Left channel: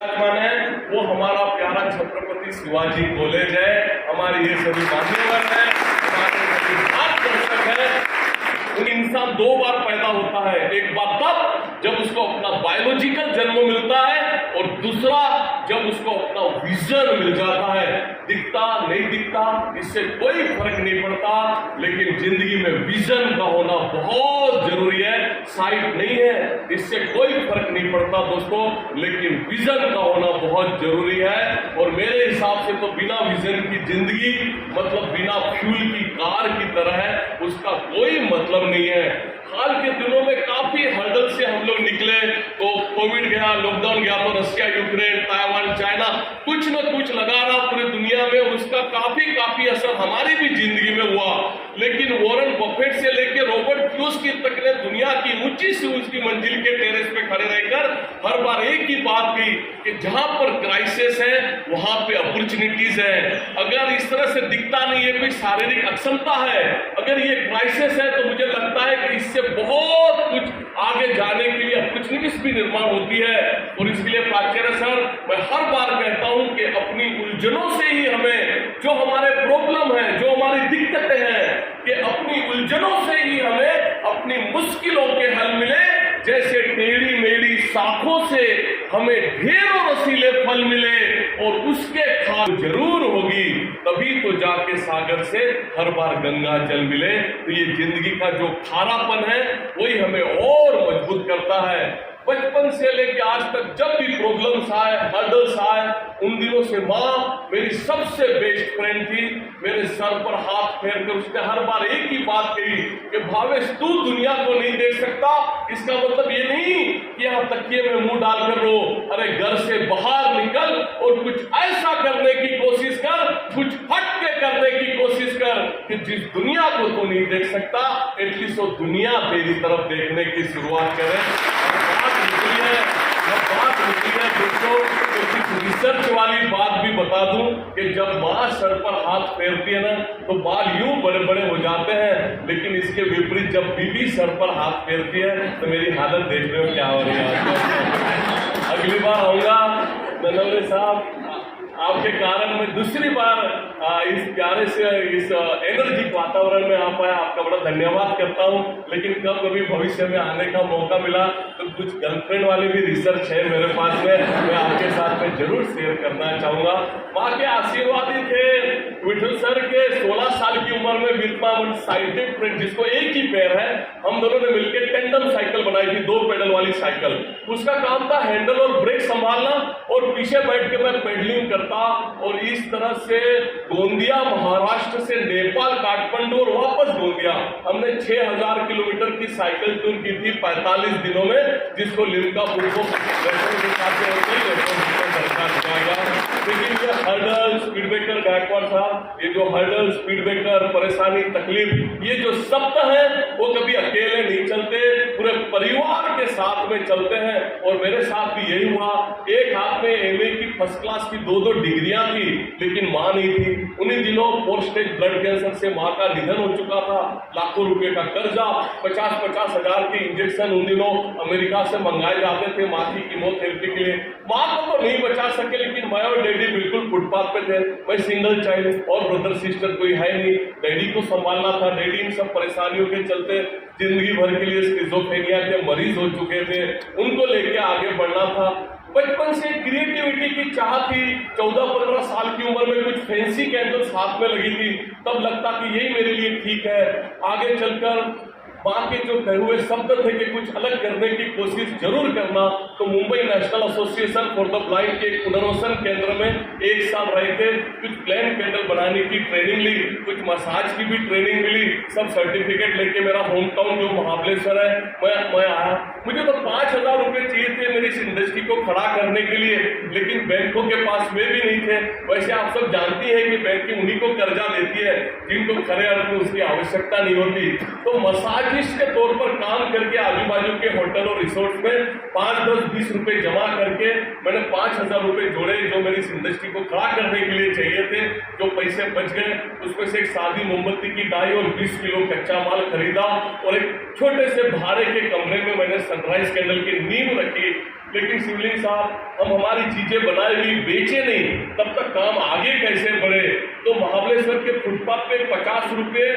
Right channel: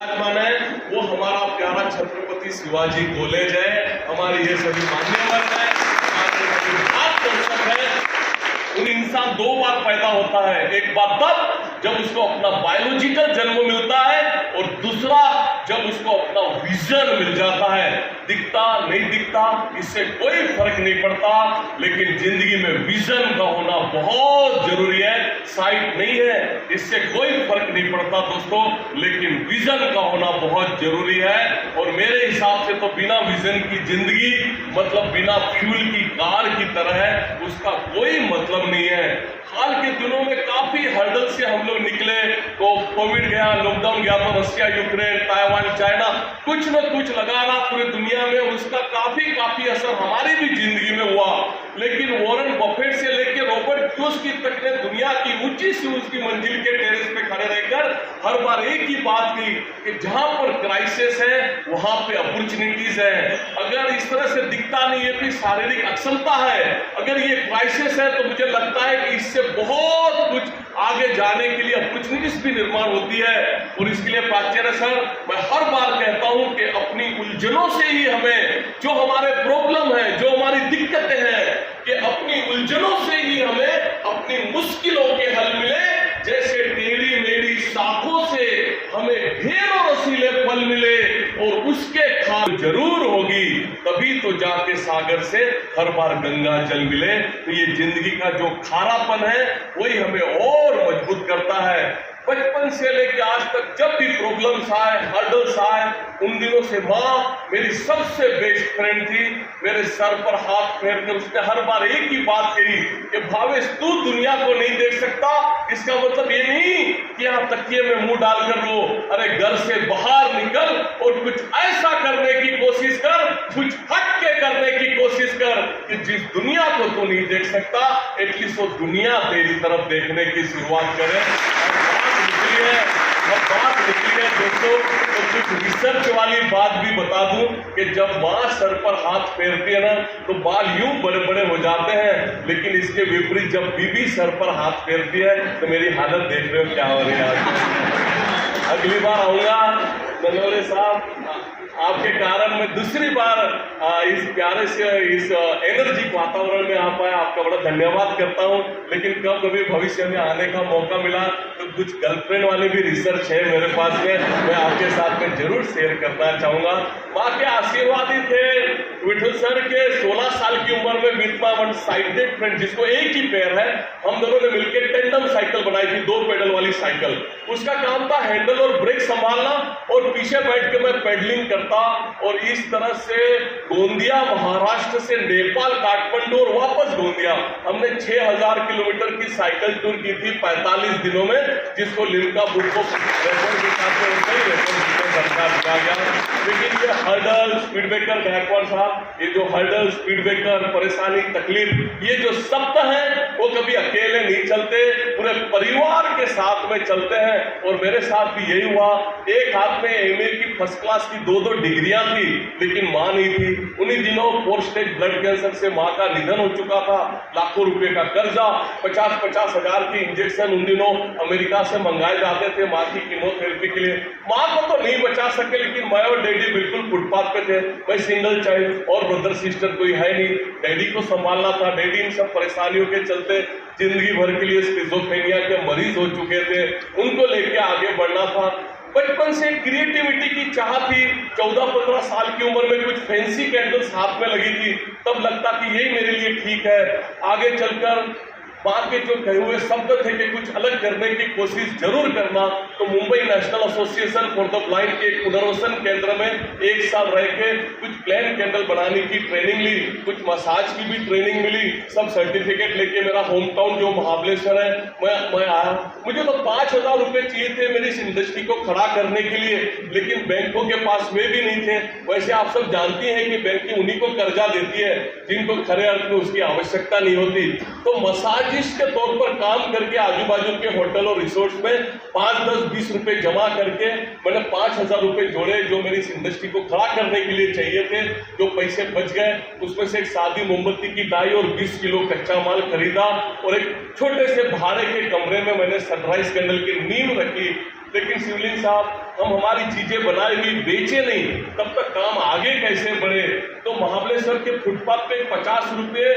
विराजमान है वो हमारा प्यारा छत्रपति शिवाजी कॉलेज है। हमारे ये सभी मान्यवर है, हमारे दर्शक है। उन इंसान दो बार पैदा होता है, एक बार तब जब उसको अपना बायोलॉजिकल जन्म मिलता है और दूसरा जब उसको अपना विजन मिल जाता है। दिखता नहीं दिखता इससे कोई फर्क नहीं पड़ता, लेकिन जिंदगी में विजन का होना बहुत जरूरी है। साइट नहीं है इससे कोई फर्क नहीं पड़ता दोस्तों, लेकिन विजन का होना बहुत जरूरी है। और मेरे हिसाब से तो बिना विजन की जिंदगी मतलब बिना फ्यूल की कार की तरह है, उसका कोई मतलब नहीं है। हाल के दिनों में काफी हर्डल से हम लोग निकले, तो कोविड गया, लॉकडाउन गया, तो रशिया, यूक्रेन, ताइवान, चाइना कुछ न कुछ लगा रहा पूरी दुनिया में, और उसका काफी असर हमारी भी जिंदगी में हुआ। लेकिन वॉरेन बफेट से लेकर रॉबर्ट कियोसाकी तक ने दुनिया की ऊंची से ऊंची मंजिल के टेरेस पे खड़े रहकर हर बार एक ही बात की कि जहां पर क्राइसिस है वहां पे अपॉर्चुनिटीज है। अगर इस तरह से दिखता नहीं है कोई शारीरिक अक्षमता है, अगर ये क्राइसिस है, तो मुझे लगता है कि इससे बहुत कुछ आगे जाने के लिए अपॉर्चुनिटीज भी निर्माण होती है। और इसके लिए प्राचार्य सर, मैं हर बार कहता हूं कि अपनी उलझनों से ही हमें, जो हमारे प्रॉब्लम है, जो हमारी दिक्कतें हैं, कि अपनी उलझनों से ही हमें अपनी मुश्किलों के हल मिले। जैसे टेढ़ी मेढ़ी शाखों से हमें ढेरों रसीले फल मिले, और उसके खाद जरूर होगी, तभी तो जाके सागर से हर बार गंगा जल मिले। तो ये जिंदगी का जो खारापन है वही हमें और मजबूत करता है। बचपन से लेकर आज तक जब भी प्रॉब्लम्स आए, हर्डल्स आए, उन दिनों से माँ मेरी सबसे बेस्ट फ्रेंड थी। मेरे सर पर हाथ फेर कर उसने हर बार एक ही बात कही कि भावेश, तू दुनिया को नहीं देख सकता, इसका मतलब ये नहीं कि यहाँ तकिए में मुंह डालकर रो। अरे घर से बाहर निकल और कुछ ऐसा करने की कोशिश कर, कुछ हट के करने की कोशिश कर कि जिस दुनिया को तू नहीं देख सकता, एटलीस्ट वो दुनिया तेरी तरफ देखने की शुरुआत करे। दोस्तों, तो कुछ रिसर्च वाली बात भी बता दूं कि जब माँ सर पर हाथ फेरती है ना, तो बाल यूं बड़े बड़े हो जाते हैं, लेकिन इसके विपरीत जब बीबी सर पर हाथ फेरती है तो मेरी हालत देख रहे हो क्या हो रही है। अगली बार आऊंगा ननौरे साहब, आपके कारण मैं दूसरी बार इस प्यारे से इस एनर्जिक वातावरण में आ पाया, आपका बड़ा धन्यवाद करता हूं। लेकिन कब कभी भविष्य में आने का मौका मिला तो कुछ गर्लफ्रेंड वाली भी रिसर्च है मेरे पास में, मैं आपके साथ में जरूर शेयर करना चाहूंगा। माँ के आशीर्वाद ही थे। विठल सर के 16 साल की उम्र में with my one sided friend, जिसको एक ही पैर है, हम दोनों ने मिलकर टेंडम साइकिल बनाई थी, 2 पेडल वाली साइकिल। उसका काम था हैंडल और ब्रेक संभालना, और पीछे बैठ के मैं पेडलिंग करता। और इस तरह से गोंदिया महाराष्ट्र से नेपाल, काठमांडू और वापस गोंदिया, हमने 6000 किलोमीटर की साइकिल टूर की थी 45 दिनों में, जिसको लिम्का बुक को लेकिन ये हर्डल, स्पीड ब्रेकर, गायकवाड़ साहब, ये जो हर्डल, स्पीड ब्रेकर, परेशानी, तकलीफ, ये जो शब्द हैं वो कभी अकेले नहीं चलते, पूरे परिवार के साथ में चलते हैं। और मेरे साथ भी यही हुआ। एक हाथ में एमए की फर्स्ट क्लास की 2 डिग्रियां थी, लेकिन मां नहीं थी। उन्हीं दिनों 4 स्टेज ब्लड कैंसर से मां का निधन हो चुका था। लाखों रुपए का कर्जा, 50-50 हजार की इंजेक्शन उन दिनों अमेरिका से मंगाए जाते थे मां की कीमोथेरेपी के लिए। मां को तो नहीं बचा सके, लेकिन मैं और डैडी बिल्कुल फुटपाथ पे थे। मैं सिंगल चाइल्ड, और ब्रदर सिस्टर कोई है नहीं, डैडी को संभालना था। डैडी इन सब परेशानियों के चलते जिंदगी भर के लिए स्किज़ोफ्रेनिया के मरीज हो चुके थे, उनको लेके आगे बढ़ना था। बचपन से क्रिएटिविटी की चाह थी। 14-15 साल की उम्र में कुछ फैंसी कैंडल्स हाथ में लगी थी, तब लगता कि यही मेरे लिए ठीक है। आगे चलकर माँ के जो कहे हुए शब्द थे कि कुछ अलग करने की कोशिश जरूर करना, तो Mumbai national association for the blind के पुनर्वसन केंद्र में 1 साल रह के कुछ प्लेन कैंडल बनाने की ट्रेनिंग ली, कुछ मसाज की भी ट्रेनिंग मिली। सब सर्टिफिकेट लेके मेरा होम टाउन जो महाबलेश्वर है मैं आया। मुझे तो 5000 रुपए चाहिए थे मेरी इस इंडस्ट्री को खड़ा करने के लिए, लेकिन बैंकों के पास वे भी नहीं थे। वैसे आप सब जानती हैं कि बैंकिंग उन्हीं को कर्जा देती है जिनको खरे अर्थ में उसकी आवश्यकता नहीं होती। तो मसाज के तौर पर काम करके आजू बाजू के होटल और रिसोर्ट्स में 5, 10, 20 रुपए जमा करके मैंने 5000 रुपए जोड़े, जो मेरी इस इंडस्ट्री को खड़ा करने के लिए चाहिए थे। जो पैसे बच गए उसमें से एक सादी मोमबत्ती की डाई और 20 किलो कच्चा माल खरीदा, और एक छोटे से भाड़े के कमरे में मैंने सनराइज कैंडल की नींव रखी। लेकिन शिवलिंग साहब हम हमारी चीजें बनाए हुई बेचे नहीं, तब तक काम आगे कैसे बढ़े। तो महाबलेश्वर के फुटपाथ पे 50 रुपये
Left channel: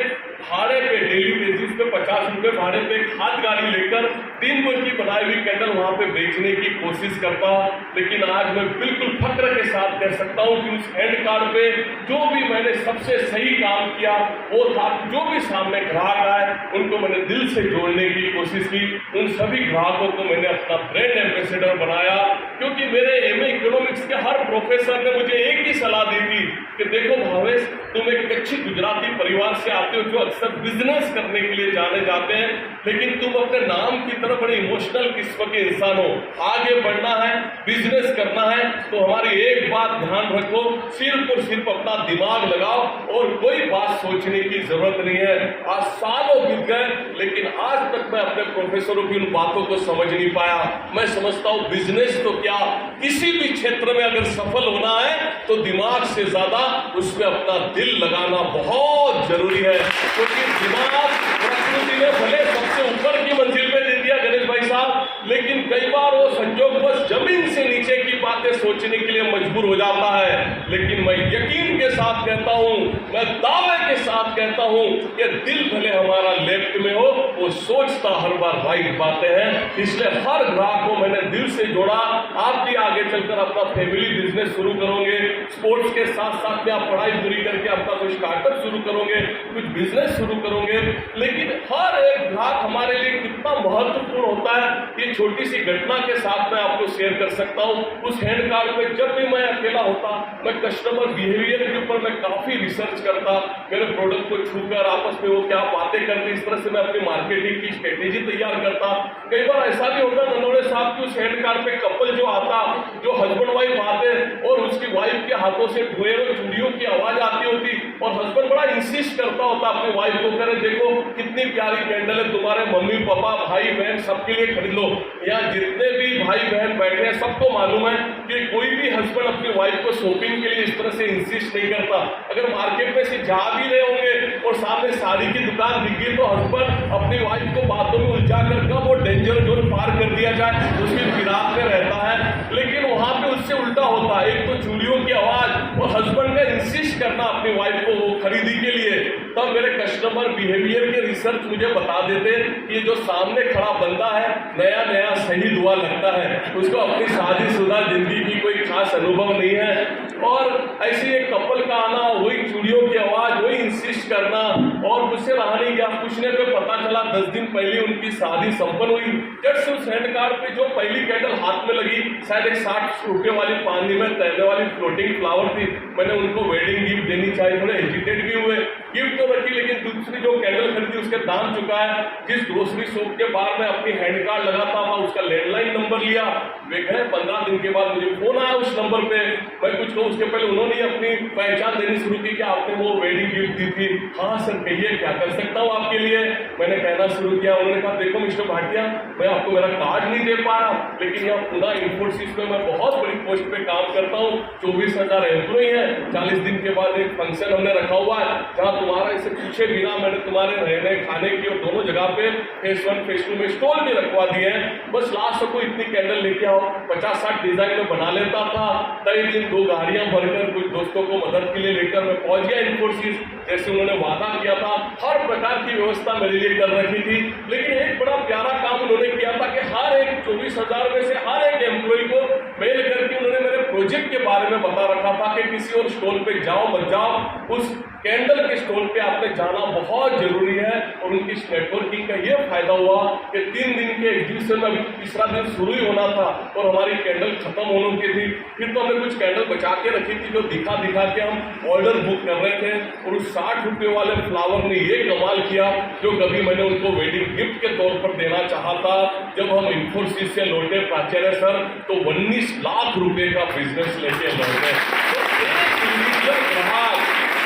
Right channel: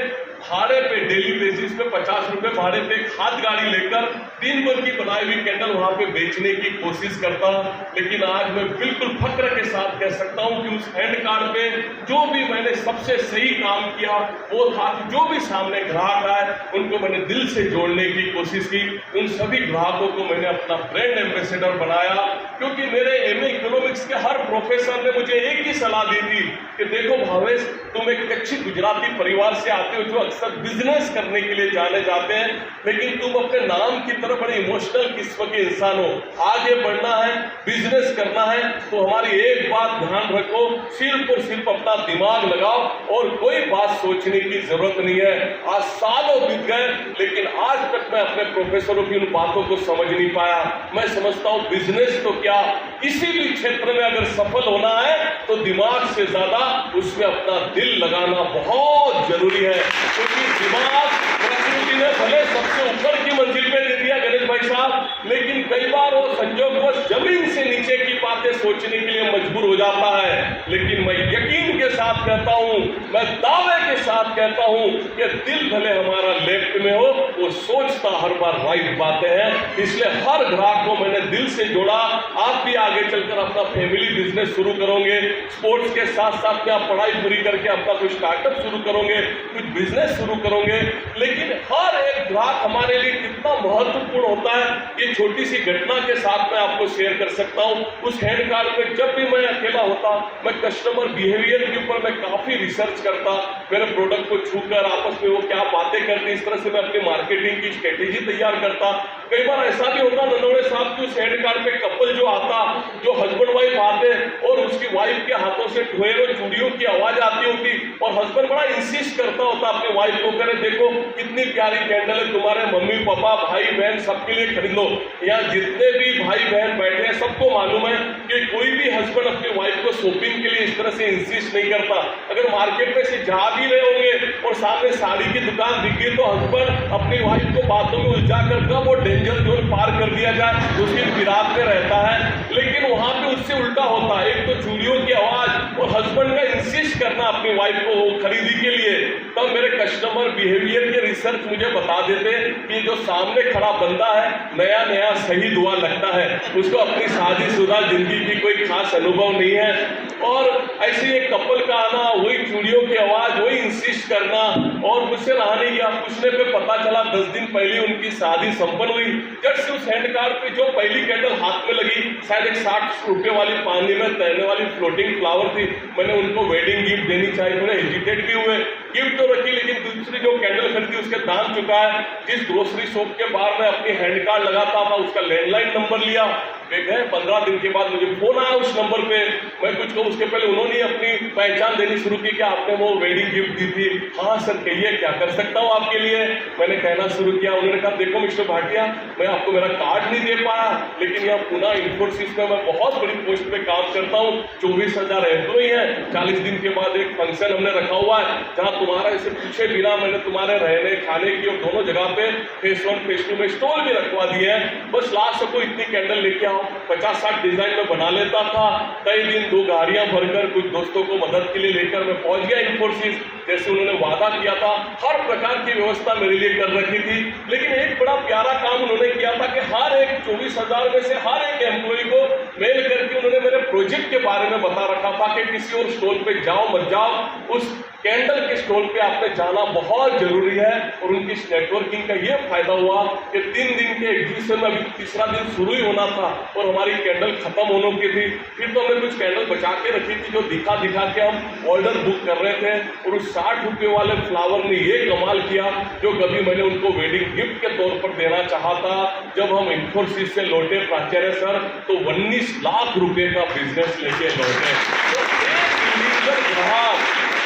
भाड़े पे, डेली बेसिस पे 50 रुपये भाड़े पे खाद गाड़ी लेकर दिन भर की बनाई हुई कैंडल वहां पे बेचने की कोशिश करता। लेकिन आज मैं बिल्कुल फक्र के साथ कह सकता हूं कि उस हैंड कार्ड पे जो भी मैंने सबसे सही काम किया वो था कि जो भी सामने ग्राहक आए उनको मैंने दिल से जोड़ने की कोशिश की। उन सभी ग्राहकों को मैंने अपना ब्रांड एम्बेसडर बनाया, क्योंकि मेरे एमए इकोनॉमिक्स के हर प्रोफेसर ने मुझे एक ही सलाह दी थी कि देखो भावेश, तुम एक अच्छी गुजराती परिवार से आते हो जो अक्सर बिजनेस करने के लिए जाने जाते हैं, लेकिन तुम अपने नाम की तरफ बड़े इमोशनल किस्म के इंसान हो। आगे बढ़ना है, बिजनेस करना है तो हमारी एक बात ध्यान रखो, सिर्फ और सिर्फ अपना दिमाग लगाओ और कोई बात सोचने की जरूरत नहीं है। आज सालों बीत गए लेकिन आज तक मैं अपने प्रोफेसरों की उन बातों को समझ नहीं पाया। मैं समझता हूं बिजनेस तो क्या, किसी भी क्षेत्र में अगर सफल होना है तो दिमाग से ज्यादा उसमें अपना दिल लगाना बहुत जरूरी है, क्योंकि दिमाग प्रकृति ने भले सबसे ऊपर की मंजिल पे दे दिया गणेश भाई साहब, लेकिन कई बार वो संयोगवश जमीन से नीचे की बातें सोचने के लिए मजबूर हो जाता है। लेकिन मैं यकीन के साथ कहता हूं, मैं दावे के साथ कहता हूं कि दिल भले हमारा लेफ्ट में हो, वो सोचता हर बार राइट बातें हैं। इसलिए हर ग्राहक को मैंने दिल से जोड़ा। आप भी आगे चलकर अपना फैमिली बिजनेस शुरू करोगे, स्पोर्ट्स के साथ साथ में आप पढ़ाई पूरी करके अपना कोई स्टार्टअप शुरू करोगे, कुछ बिजनेस शुरू करोगे, लेकिन हर एक ग्राहक हमारे लिए कितना महत्वपूर्ण होता है ये छोटी सी घटना के साथ मैं आपको शेयर कर सकता हूं। उस हैंड कार्ड पे जब भी मैं अकेला होता, मैं कस्टमर बिहेवियर के ऊपर मैं काफी रिसर्च करता, मेरे प्रोडक्ट को छूकर आपस में वो क्या बातें करते, इस तरह से मैं अपनी मार्केटिंग की स्ट्रेटेजी तैयार करता। कई बार ऐसा भी होता नंदोड़े साहब की उस हैंड कार्ड पे कपल जो आता, जो हस्बैंड वाइफ आते और उसकी वाइफ के हाथों से ढोएर और चूड़ियों की आवाज आती होती और हस्बैंड बड़ा इंसिस्ट करता होता अपनी वाइफ को, करे देखो कितनी प्यारी कैंडल है, तुम्हारे मम्मी पापा भाई बहन सबके लिए खरीद लो। यहाँ जितने भी भाई बहन बैठे हैं सबको मालूम है कि कोई भी हस्बैंड अपनी वाइफ को शॉपिंग के लिए इस तरह से इंसिस्ट नहीं करता। अगर मार्केट में से जा भी रहे होंगे और सामने साड़ी की दुकान दिख गई तो हस्बैंड अपनी वाइफ को बातों में उलझा कर कब वो डेंजर जोन पार कर दिया जाए उसकी फिराक में रहता है। लेकिन वहां पे उससे उल्टा होता है, एक तो चूड़ियों की आवाज और हस्बैंड का इंसिस्ट करना अपनी वाइफ को खरीदी के लिए। तब मेरे कस्टमर बिहेवियर के रिसर्च मुझे बता देते कि जो सामने खड़ा बंदा है नया नया शहीद हुआ लगता है, उसको अपनी शादीशुदा जिंदगी की कोई खास अनुभव नहीं है। और ऐसे एक कपल का आना, वही चूड़ियों की आवाज, वही इंसिस्ट करना और मुझसे रहा नहीं गया। पूछने पे पता चला 10 दिन पहले उनकी शादी संपन्न हुई। जब से उस हैंड कार्ड पे जो पहली कैंडल हाथ में लगी, शायद एक 60 रुपए वाली पानी में तैरने वाली फ्लोटिंग फ्लावर थी, मैंने उनको वेडिंग गिफ्ट देनी चाहिए, थोड़े हेजिटेट भी हुए, गिफ्ट तो रखी, लेकिन दूसरी जो कैंडल खरीदी उसके दाम चुका है। जिस ग्रोसरी शॉप के बाहर मैं अपनी हैंड कार्ड लगाता था उसका लैंडलाइन नंबर लिया, वे गए, 15 दिन के बाद मुझे फोन आया उस नंबर पे। मैं कुछ कहूँ उसके पहले उन्होंने अपनी पहचान देनी शुरू की कि आपने वो वेडिंग गिफ्ट दी थी। हाँ सर कहिए क्या कर सकता हूँ आपके लिए। मैंने कहना शुरू किया, उन्होंने कहा देखो मिस्टर भाटिया, मैं आपको मेरा कार्ड नहीं दे पाया, लेकिन यहाँ पुणे इंफोसिस में मैं बहुत बड़ी पोस्ट पे काम करता हूँ, 24,000 एम्प्लॉय है। 40 दिन के बाद एक फंक्शन हमने रखा हुआ है जहाँ तुम्हारा इसे पूछे बिना मैंने तुम्हारे रहने खाने की और दोनों जगह पे फेस 1 फेस 2 में स्टॉल भी रखवा दिए हैं। बस लास्ट को इतनी कैंडल लेके आओ। 50-60 डिजाइन में बना लेता था। कई दिन 2 गाड़ियां भरकर कुछ दोस्तों को मदद के लिए लेकर मैं पहुंच गया इंफोसिस, जैसे उन्होंने वादा किया था। हर प्रकार की व्यवस्था मेरे लिए कर रखी थी। लेकिन एक बड़ा प्यारा काम उन्होंने किया था कि हर एक 24,000 में से हर एक एम्प्लॉय को मेल करके उन्होंने मेरे प्रोजेक्ट के बारे में बता रखा था कि किसी और स्टॉल पे जाओ मत जाओ, उस कैंडल के स्टॉल पे आपने जाना बहुत जरूरी है। और उनकी नेटवर्किंग का ये फायदा हुआ कि 3 दिन के एग्जीबिशन में अभी तीसरा दिन शुरू ही होना था और हमारी कैंडल खत्म होने की थी। फिर तो हमने कुछ कैंडल बचा के रखी थी जो दिखा के हम ऑर्डर बुक कर रहे थे। और उस 60 रुपए वाले फ्लावर ने ये कमाल किया जो कभी मैंने उनको वेडिंग गिफ्ट के तौर पर देना चाहा था। जब हम इंफोसिस से लौटे प्राचार्य सर तो 19 लाख रुपए का बिजनेस लेके लौटे।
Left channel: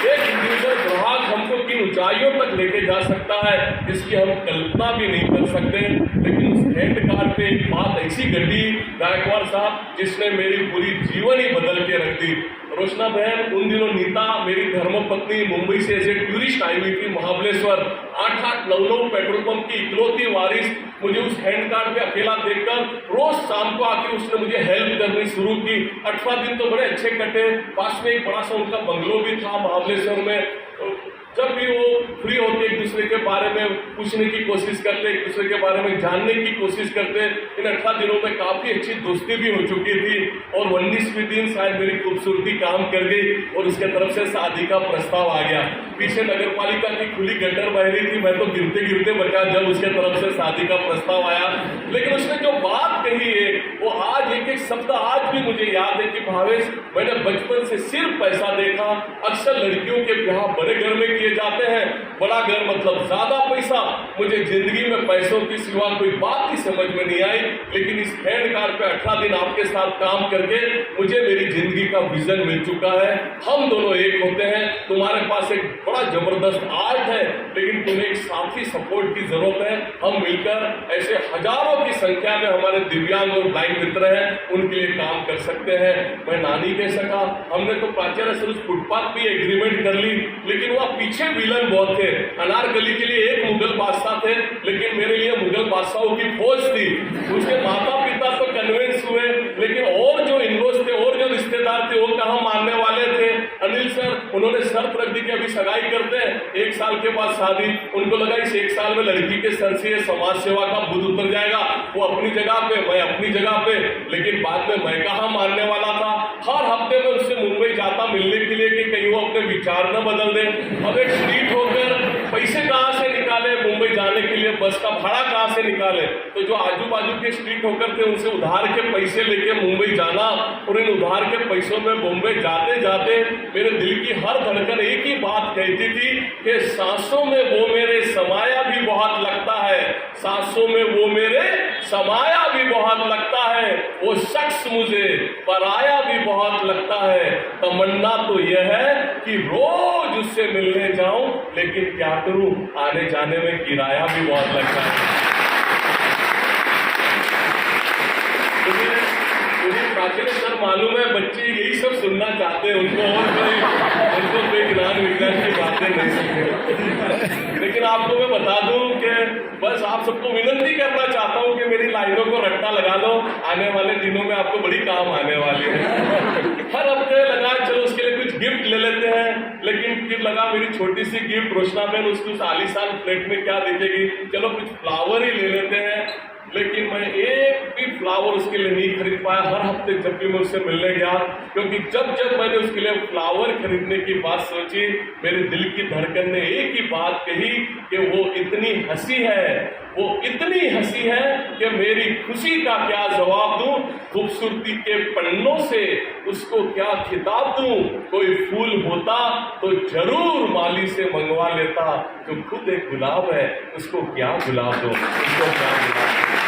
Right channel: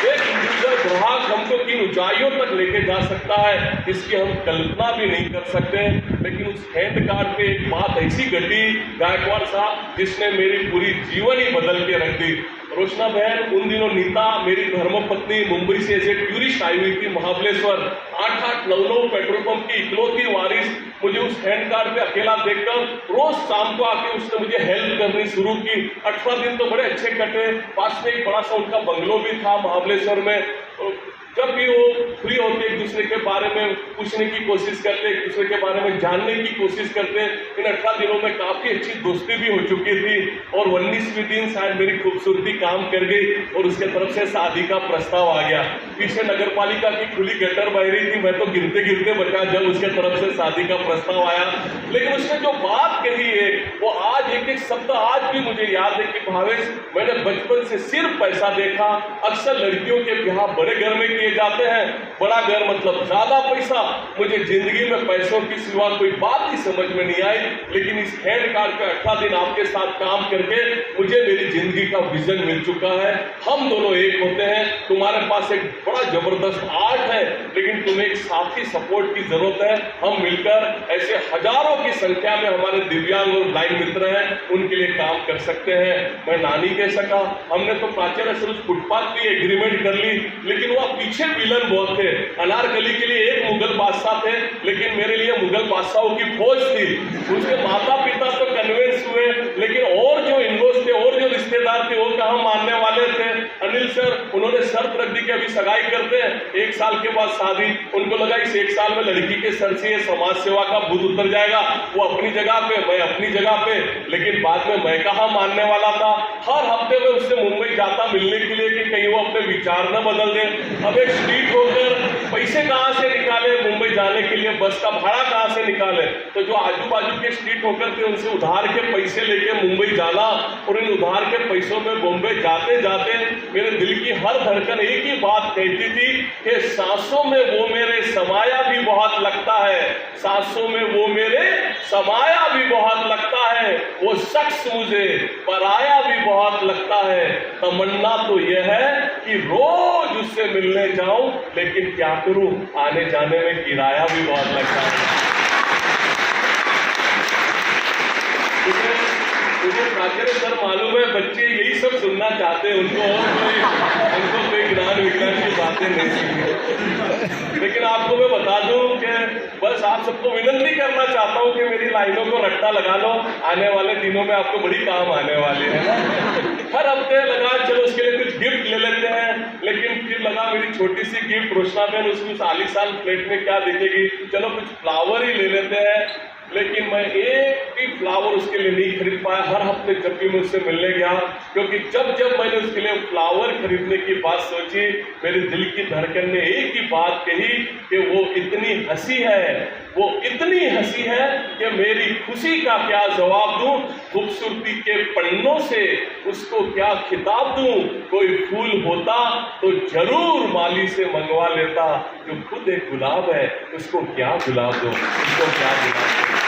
एक इंडिविजुअल ग्राहक हमको किन ऊंचाइयों तक लेके जा सकता है इसकी हम कल्पना भी नहीं कर सकते। लेकिन उस हैंड कार्ड पे एक बात ऐसी घटी गायकवाड़ साहब जिसने मेरी पूरी जीवन ही बदल के रख दी। रोशना बहन उन दिनों नीता मेरी धर्मपत्नी मुंबई से ऐसे टूरिस्ट आई हुई थी महाबलेश्वर। 8-8, 9-9 पेट्रोल पंप की इकलौती वारिस मुझे उस हैंड कार्ड पे अकेला देखकर रोज शाम को आके उसने मुझे हेल्प करनी शुरू की। 18 दिन तो बड़े अच्छे कटे। पास में एक बड़ा सा उनका बंगलो भी था महाबलेश्वर में। जब भी वो फ्री होते एक दूसरे के बारे में पूछने की कोशिश करते, एक दूसरे के बारे में जानने की कोशिश करते। इन 18 दिनों में काफी अच्छी दोस्ती भी हो चुकी थी और 19वें दिन शायद मेरी खूबसूरती काम कर गई और उसके तरफ से शादी का प्रस्ताव आ गया। पीछे नगर पालिका की खुली गटर बह रही थी, मैं तो गिरते गिरते बचा जब उसके तरफ से शादी का प्रस्ताव आया। लेकिन उसने जो बात कही है वो आज एक एक शब्द आज भी मुझे याद है कि भावेश, मैंने बचपन से सिर्फ पैसा देखा। अक्सर लड़कियों के ब्याह बड़े घर में किए जाते हैं, बड़ा घर मतलब ज्यादा पैसा। मुझे जिंदगी में पैसों की सिवा कोई बात ही समझ में नहीं आई। लेकिन इस हैंड कार्ड पे 18 दिन आपके साथ काम करके मुझे मेरी जिंदगी का विजन मिल चुका है। हम दोनों एक होते हैं। तुम्हारे पास एक बड़ा जबरदस्त आर्ट है, लेकिन तुम्हें एक साथी सपोर्ट की जरूरत है। हम मिलकर ऐसे हजारों की संख्या में हमारे दिव्यांग और ब्लाइंड मित्र हैं, उनके लिए काम कर सकते हैं। मैं ना नहीं कह सका। हमने तो प्राचार्य सर उस फुटपाथ भी एग्रीमेंट कर ली, लेकिन वह पीछे विलन बहुत थे। अनारकली के लिए एक मुगल बादशाह थे, लेकिन मेरे लिए मुगल बादशाहों की फौज थी। उसके माता पिता तो कन्विंस हुए, लेकिन और जो इनलॉज थे और जो रिश्तेदार थे वो कहाँ मानने वाले थे। अनिल सर उन्होंने शर्त रख दी कि अभी सगाई करते हैं, 1 साल के बाद शादी। उनको लगा इस 1 साल में लड़की के सर से समाज सेवा का बुद्ध उतर जाएगा। वो अपनी जगह पे, मैं अपनी जगह पे। लेकिन बाद में मैं कहाँ मानने वाला था। हर हफ्ते में उससे मुंबई जाता मिलने के लिए कि कहीं वो अपने विचार न बदल दे। अब एक स्ट्रीट होकर पैसे कहाँ से निकाले मुंबई जाने के लिए, बस का भाड़ा कहाँ से निकाले। तो जो आजू बाजू के स्ट्रीट होकर थे उनसे उधार के पैसे लेके मुंबई जाना और इन उधार के पैसों में बॉम्बे जाते जाते मेरे दिल की हर धड़कन एक ही बात कहती थी कि सांसों में वो मेरे समाया भी बहुत लगता है, सांसों में वो मेरे समाया भी बहुत लगता है, वो शख्स मुझे पराया भी बहुत लगता है। तमन्ना तो यह है कि रोज उससे मिलने जाऊं, लेकिन क्या करूं आने जाने में किराया भी बहुत लगता है। मुझे प्राचार्य सर मालूम है बच्चे यही सब सुनना चाहते हैं, उनको कोई ज्ञान विज्ञान की बातें नहीं सुनते। लेकिन आपको मैं बता दूं कि बस आप सबको विनती करना चाहता हूं कि मेरी लाइनों को रट्टा लगा लो, आने वाले दिनों में आपको बड़ी काम आने वाली है। हर हफ्ते लगा चलो उसके लिए कुछ गिफ्ट ले लेते हैं, लेकिन फिर लगा मेरी छोटी सी गिफ्ट रोशना बहन उसकी उस आलीशान प्लेट में क्या दिखेगी, चलो कुछ फ्लावर ही ले लेते हैं। लेकिन मैं एक भी फ्लावर उसके लिए नहीं खरीद पाया। हर हफ्ते जब भी मैं उससे मिलने गया, क्योंकि जब जब मैंने उसके लिए फ्लावर खरीदने की बात सोची मेरे दिल की धड़कन ने एक ही बात कही कि वो इतनी हंसी है, वो इतनी हंसी है कि मेरी खुशी का क्या जवाब दूं। खूबसूरती के पन्नों से उसको क्या खिताब दूं। कोई फूल होता तो जरूर माली से मंगवा लेता, जो खुद एक गुलाब है उसको क्या गुलाब दूं, उसको क्या गुलाब दूं।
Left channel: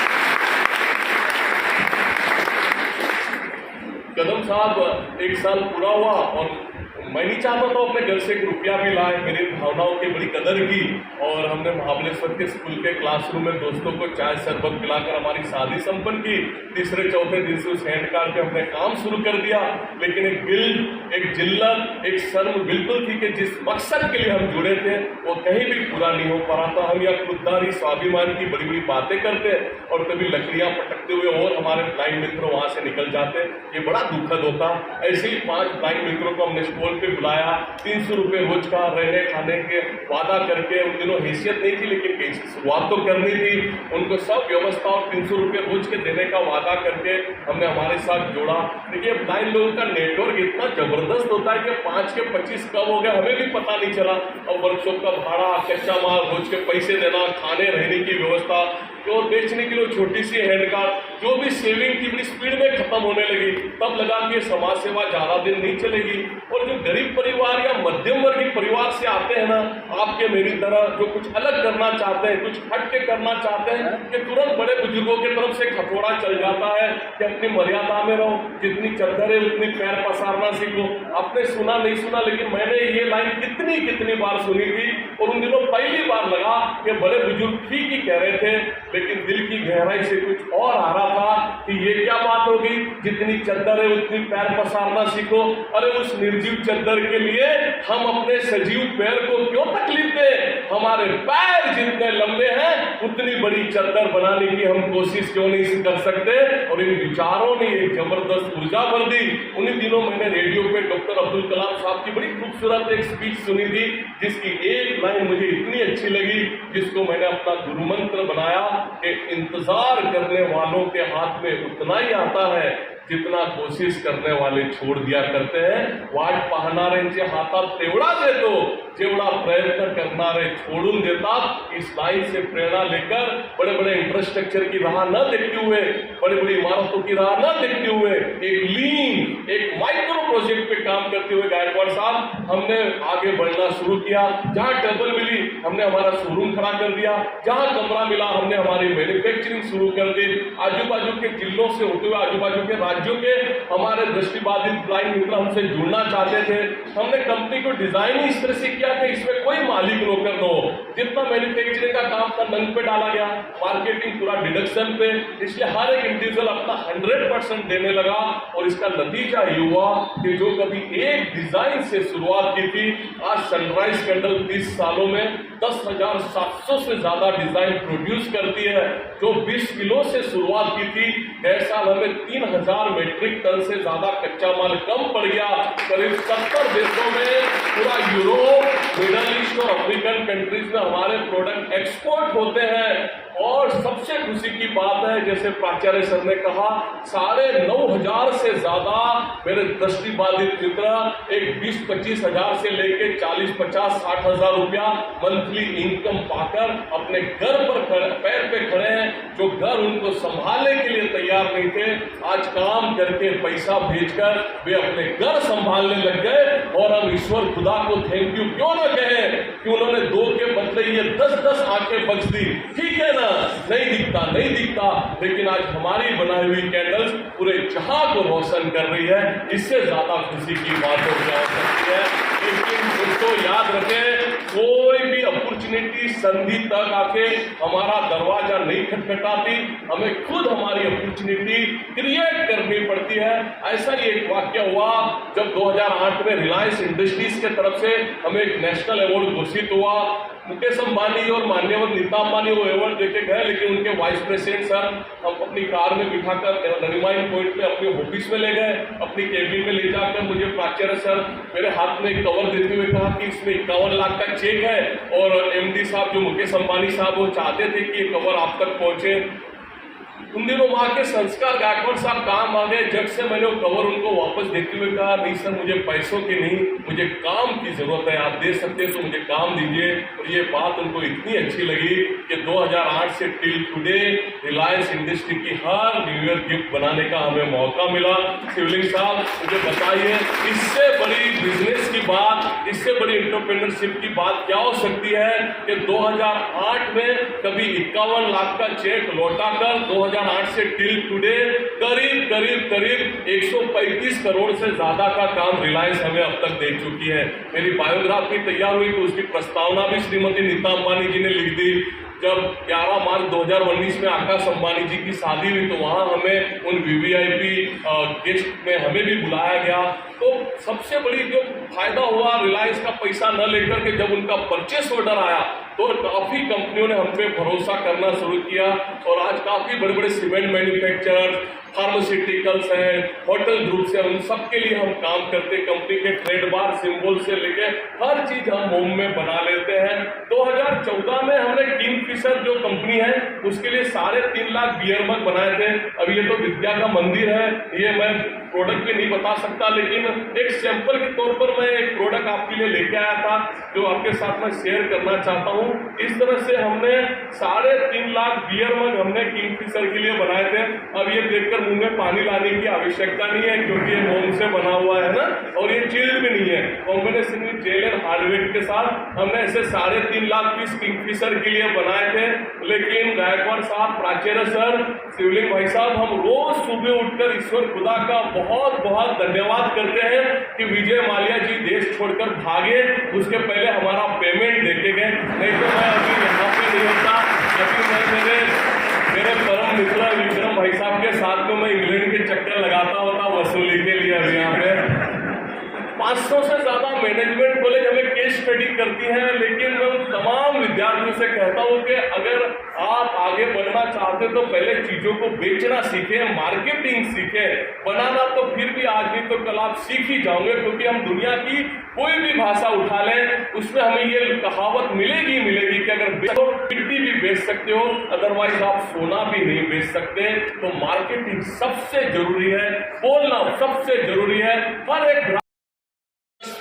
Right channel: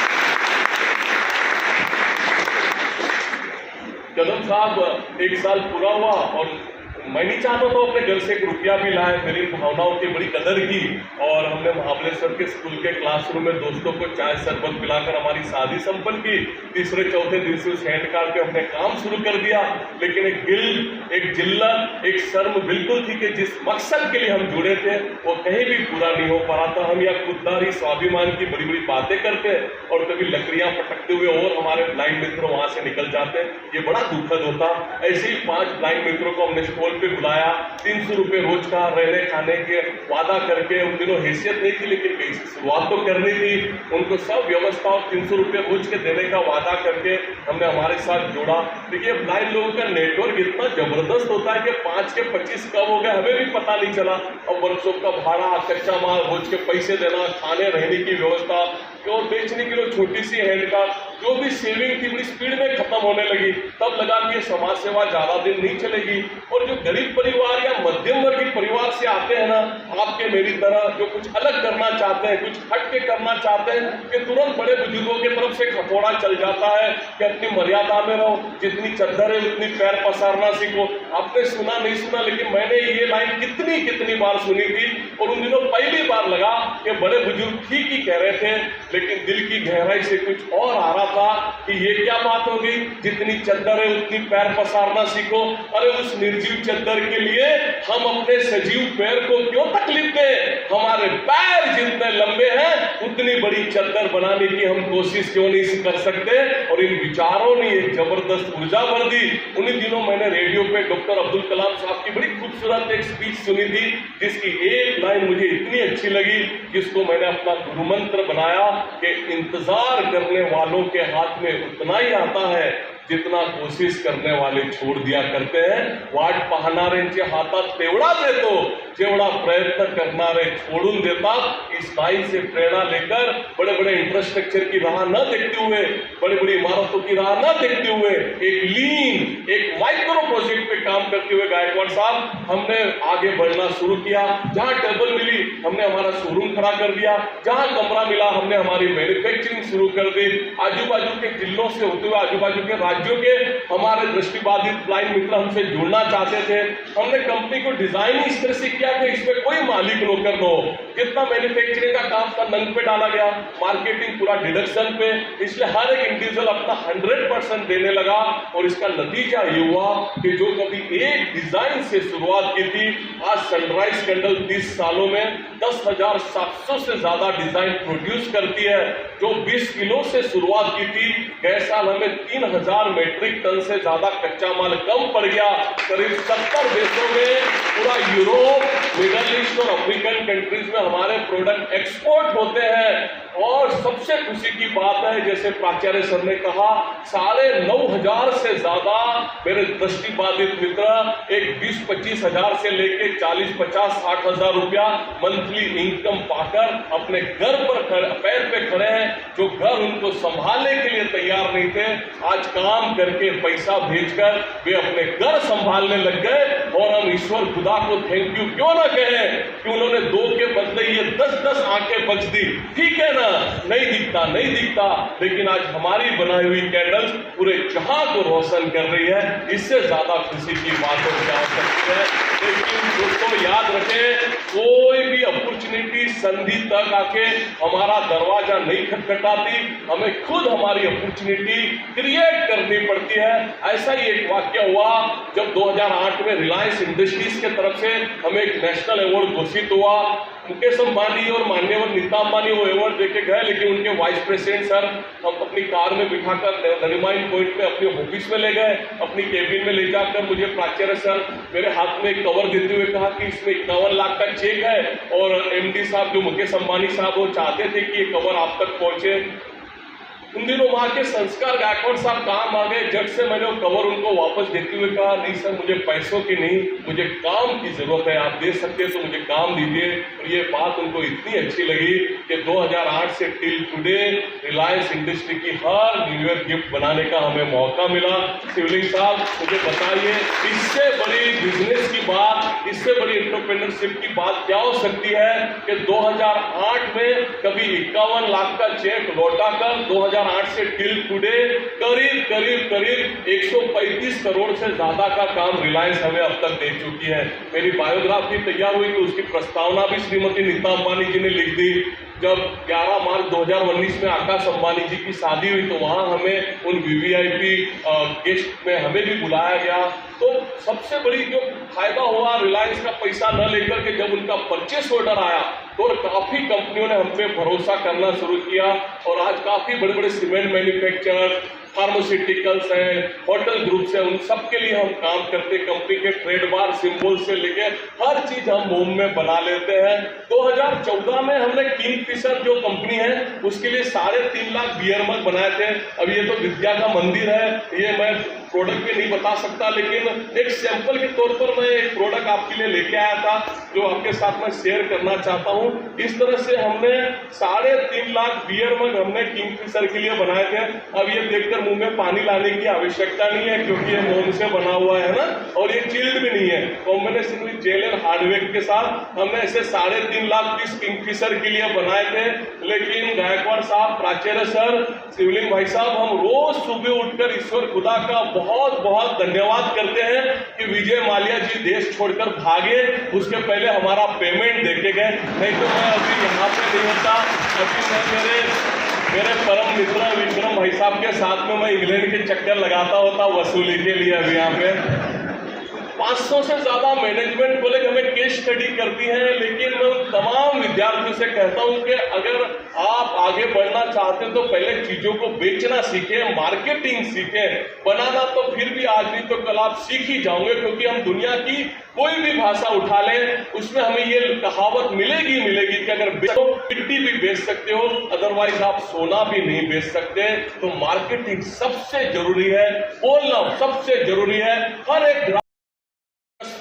कदम साहब 1 साल पूरा हुआ और मैं नहीं चाहता था अपने घर से 1 रुपया भी लाए। मेरी भावनाओं की बड़ी कदर की और हमने महाबलेश्वर के स्कूल के क्लासरूम में दोस्तों को चाय शरबत पिलाकर हमारी शादी संपन्न की। 3-4 दिन से उस हैंड कार्ड पे हमने काम शुरू कर दिया। लेकिन एक गिल्ट, एक जिल्लत, एक शर्म बिल्कुल थी कि जिस मकसद के लिए हम जुड़े थे वो कहीं भी पूरा नहीं हो पा रहा था। हम यहाँ खुददारी स्वाभिमान की बड़ी बड़ी बातें करते और कभी लकड़ियां पटकते हुए और हमारे ब्लाइंड मित्र वहां से निकल जाते। ये बड़ा दुखद होता। ऐसे ही 5 ब्लाइंड मित्रों को हमने स्कूल पे बुलाया, 300 रुपये रोज का रहने खाने के वादा करके। उन दिनों हैसियत नहीं थी, लेकिन कहीं से शुरुआत तो करनी थी। उनको सब व्यवस्था और 300 रुपये रोज के देने का वादा करके हमने हमारे साथ जोड़ा। देखिए ब्लाइंड लोगों का नेटवर्क इतना जबरदस्त होता है कि 5 के 25 कब हो गए हमें भी पता नहीं चला। और वर्कशॉप का भाड़ा, कच्चा माल, रोज के पैसे देना, खाने रहने की व्यवस्था और बेचने के लिए छोटी सी हैंड कार्ड, जो भी सेविंग की बड़ी स्पीड में खत्म होने लगी। तब लगा कि समाज सेवा ज्यादा दिन नहीं चलेगी। और जो गरीब परिवार या मध्यम वर्गीय परिवार से आते हैं ना, आपके मेरी तरह जो कुछ अलग करना चाहते हैं, कुछ हट के करना चाहते हैं, कि तुरंत बड़े बुजुर्गों की तरफ से खतोड़ा चल जाता है कि अपनी मर्यादा में रहो, जितनी चद्दर है उतनी पैर पसारना सीखो। आपने सुना नहीं सुना, लेकिन मैंने ये लाइन कितनी बार सुनी थी और उन दिनों पहली बार लगा कि बड़े बुजुर्ग ठीक ही कह रहे थे, लेकिन दिल की गहराई से कुछ और आ रहा था कि ये क्या बात हो गई, जितनी चद्दर है उतनी पैर पसारना सीखो। अरे उस निर्जीव चद्दर के लिए हम अपने सजीव पैर को क्यों तकलीफ दें? हमारे पैर जितने लंबे हैं उतनी बड़ी चद्दर बनाने की हम कोशिश क्यों नहीं कर सकते? और इन विचारों ने एक जबरदस्त ऊर्जा भर दी। उन्हीं दिनों मैंने रेडियो पे डॉक्टर अब्दुल कलाम साहब की बड़ी खूबसूरत एक स्पीच सुनी थी, जिसकी एक लाइन मुझे इतनी अच्छी लगी, जिसको मैंने अपना गुरु मंत्र बनाया कि इंतजार करने वालों के हाथ में उतना ही आता है जितना कोशिश करने वाले छोड़ दिया करते हैं। वाट पाहणाऱ्यांच्या हातात तेवढाच येतो जेवढा प्रयत्न करणारे छोड़ून देतात। इस लाइन से प्रेरणा लेकर बड़े बड़े इंफ्रास्ट्रक्चर की राह न देखते हुए, बड़ी बड़ी इमारतों की राह न देखते हुए, एक लीन एक माइक्रो प्रोजेक्ट पे काम करते हुए गायकवाड़ साहब हमने आगे बढ़ना शुरू किया। जहां टेबल मिली हमने हमारा शोरूम खड़ा कर दिया, जहां कमरा मिला हमने हमारी मैन्युफैक्चरिंग शुरू कर दी। आजू बाजू के जिलों से होते हुए आजू बाजू के राज्यों के हमारे दृष्टिबाधित ब्लाइंड मित्र हमसे जुड़ना चाहते थे। हमने कंपनी को डिजाइन इस तरह से किया कि इसमें कोई मालिक नौकर न हो। जितना मैन्युफैक्चरिंग का काम था नंग पे डाला गया, मार्केटिंग पूरा डिडक्शन पे, इसलिए हर एक इंडिविजुअल अपना 100% देने लगा। और इसका नतीजा ये हुआ कि जो कभी एक डिजाइन से शुरुआत की थी, आज सनराइज कैंडल 30 सालों में 10,700 से ज्यादा डिजाइन प्रोड्यूस करती है। जो 20 किलो से शुरुआत की थी, गए साल हमें 3,000 मेट्रिक टन से ज्यादा कच्चा माल कम पड़ गया। करीब 70 देशों में, पूरा यूरोप, मिडल ईस्ट और अफ्रीकन कंट्रीज में हमारे प्रोडक्ट एक्सपोर्ट होते हैं। और सबसे खुशी की बात है, जैसे प्राचार्य सर ने कहा, 9,500 से ज्यादा मेरे दृष्टिबाधित मित्र एक 20-25 हजार से लेके 40-50-60 हजार रुपया मंथली इनकम पाकर अपने घर पर पैर पे खड़े हैं। जो घर उनको संभालने के लिए तैयार नहीं थे, आज काम करके पैसा भेजकर वे अपने घर संभालने लग गए। और हम ईश्वर खुदा को थैंक यू क्यों ना कहें कि उन्होंने 2 के बदले ये 10-10 आंखें बख्श दी। ठीक है ना, नहीं दिखता, लेकिन आज हमारी बनाई हुई कैंडल्स पूरे जहां को रोशन कर रही है। इससे ज्यादा खुशी की बात हो सकती है। लेकिन दोस्तों याद रखें, कोई भी अपॉर्चुनिटी संधि तक आके हमारा दरवाजा नहीं खटखटाती, हमें खुद हमारी अपॉर्चुनिटी क्रिएट करनी पड़ती है। ऐसा ही एक वाक्य हुआ जब 2008 में रिलायंस इंडस्ट्रीज के तरफ से हमें एक नेशनल अवार्ड घोषित हुआ। मुकेश अंबानी और मान्यवर नीता अंबानी वो अवार्ड देके गए, लेकिन उनके वाइस प्रेसिडेंट सर हम अपनी कार में बिठाकर नरीमान पॉइंट में अपने ऑफिस में ले गए। अपनी केबिन में ले जाकर मुझे प्राचार्य सर मेरे हाथ में एक कवर देते हुए कहा कि इसमें 51 लाख का चेक है, और एमडी साहब जो मुकेश अंबानी साहब वो चाहते थे कि ये कवर आप तक पहुंचे। उन दिनों वहां के संस्कार गायकवाड़ साहब काम आ गए। जट से मैंने वो कवर उनको वापस देते हुए कहा, नहीं सर मुझे पैसों की नहीं, मुझे काम की जरूरत है, आप दे सकते हैं तो मुझे काम दीजिए। और ये बात उनको इतनी अच्छी लगी कि 2008 से टिल टुडे रिलायंस इंडस्ट्री की हर न्यू ईयर गिफ्ट बनाने का हमें मौका मिला। शिवलिंग साहब मुझे बताइए, इससे बड़ी बिजनेस की बात, इससे बड़ी एंटरप्रेन्योरशिप की बात क्या हो सकती है कि 2008 में कभी 51 लाख का चेक लौटाकर 2008 से टिल टुडे करीब 135 करोड़ से ज्यादा का काम रिलायंस हमें अब तक दे चुकी है। मेरी बायोग्राफी तैयार हुई तो उसकी प्रस्तावना भी श्रीमती नीता अंबानी जी ने लिख दी। जब 11 मार्च 2019 में आकाश अंबानी जी की शादी हुई तो वहां हमें उन वीवीआईपी गेस्ट में हमें भी बुलाया गया। तो सबसे बड़ी जो फायदा हुआ रिलायंस का पैसा न लेकर के जब उनका परचेस ऑर्डर आया तो काफी कंपनियों ने हम पे भरोसा करना शुरू किया। और आज काफी बड़े बड़े सीमेंट मैन्युफैक्चरर, फार्मास्यूटिकल्स हैं, होटल ग्रुप्स हैं, उन सब के लिए हम काम करते। कंपनी के ट्रेडमार्क सिंबल से लेके हर चीज हम होम में बना लेते हैं। 2014 में हमने किंगफिशर जो कंपनी है उसके लिए 3.5 लाख बियर मग बनाए थे। अब ये तो विद्या का मंदिर है, ये मैं प्रोडक्ट पे नहीं बता सकता, लेकिन एक सैंपल के तौर पर मैं एक प्रोडक्ट आपके लिए लेके आया था जो आपके साथ मैं शेयर करना चाहता हूँ। इस तरह से हमने 3.5 लाख बियर मग हमने किंगफिशर के लिए बनाए थे। अब ये देखकर मुंह में पानी लाने की आवश्यकता नहीं है क्योंकि ये मोम से बना हुआ है ना, और ये चिल्ड भी नहीं है। Combination with gel and hardware के साथ हमने ऐसे 3.5 लाख पीस किंगफिशर के लिए बनाए थे। लेकिन गायकवाड़ साहब, प्राचार्य सर, शिवलिंग भाई साहब, हम रोज सुबह उठकर ईश्वर खुदा का बहुत बहुत धन्यवाद करते हैं कि विजय माल्या जी देश छोड़कर भागे, उसके पहले हमारा पेमेंट देके गए, नहीं तो मैं अभी यहाँ पे नहीं होता। अभी मैं मेरे परम मित्र विक्रम भाई साहब के साथ में मैं इंग्लैंड के चक्कर लगाता होता वसूली के लिए। अभी यहाँ पे 500 से ज्यादा मैनेजमेंट कॉलेज हमें केस स्टडी करती हैं, लेकिन मैं उन तमाम विद्यार्थियों से कहता हूं कि अगर आप आगे बढ़ना चाहते तो पहले चीजों को बेचना सीखें, मार्केटिंग सीखें। बनाना तो फिर भी आज नहीं तो कल आप सीख ही जाओगे, क्योंकि हम दुनिया की कोई भी भाषा उठा लें उसमें हमें ये कहावत मिलेगी कि अगर बेचो मिट्टी भी बेच सकते हो, अदरवाइज आप सोना भी नहीं बेच सकते। तो मार्केटिंग सबसे जरूरी है, बोलना सबसे जरूरी है। हर एक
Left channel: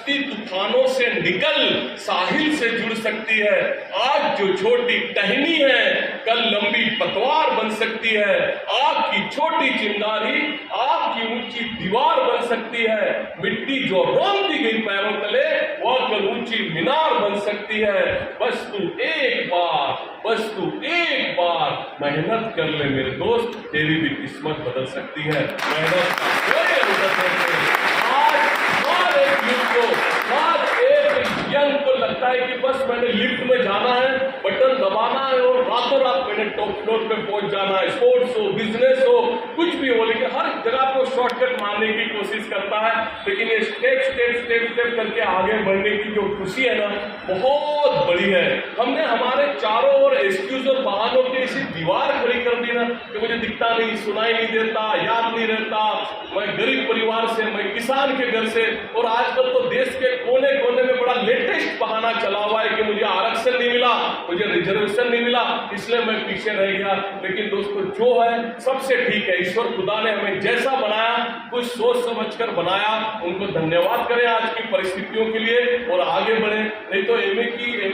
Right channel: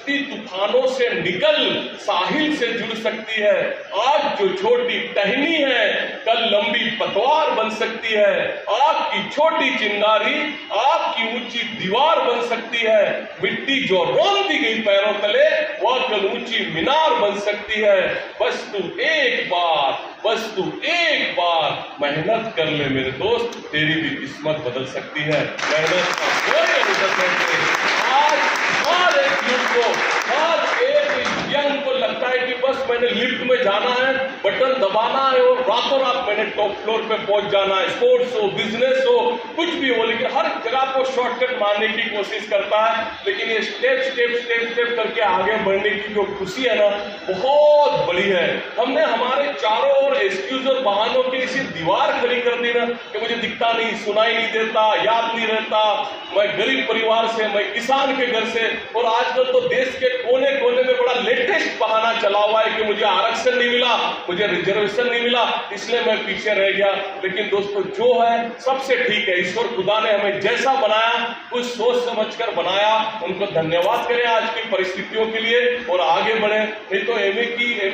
तूफानों से निकल साहिल से जुड़ सकती है। आज जो छोटी टहनी है कल लंबी पतवार बन सकती है। आपकी छोटी चिंगारी आपकी ऊंची दीवार बन सकती है। मिट्टी जो रोंदी गई पैरों तले वह कल ऊंची मीनार बन सकती है। बस तू एक बार मेहनत कर ले मेरे दोस्त, तेरी भी किस्मत बदल सकती है। मेहनत का कोई लगता है कि बस मैंने लिफ्ट में जाना है, बटन दबाना है और रातों रात मैंने टॉप फ्लोर पे पहुंच जाना है। स्पोर्ट्स हो, बिजनेस हो, कुछ भी हो, लेकिन हर जगह को शॉर्टकट मारने की कोशिश करता है। लेकिन ये स्टेप करके आगे बढ़ने की जो खुशी है ना, बहुत बड़ी है। हमने हमारे चारों ओर एक्सक्यूज और बहानों की ऐसी दीवार खड़ी कर दी ना कि मुझे दिखता नहीं, सुनाई नहीं देता, याद नहीं रहता, मैं गरीब परिवार से, मैं किसान के घर से। और आजकल तो देश के कोने कोने में बड़ा लेटेस्ट बहाना चला हुआ है कि मुझे आरक्षण नहीं मिला, मुझे रिजर्वेशन नहीं मिला, इसलिए मैं पीछे रह गया। लेकिन दोस्तों जो है सबसे ठीक है, ईश्वर खुदा ने हमें जैसा बनाया कुछ सोच समझकर बनाया, उनको धन्यवाद करें आज की परिस्थितियों के लिए और आगे बढ़े। नहीं तो एमए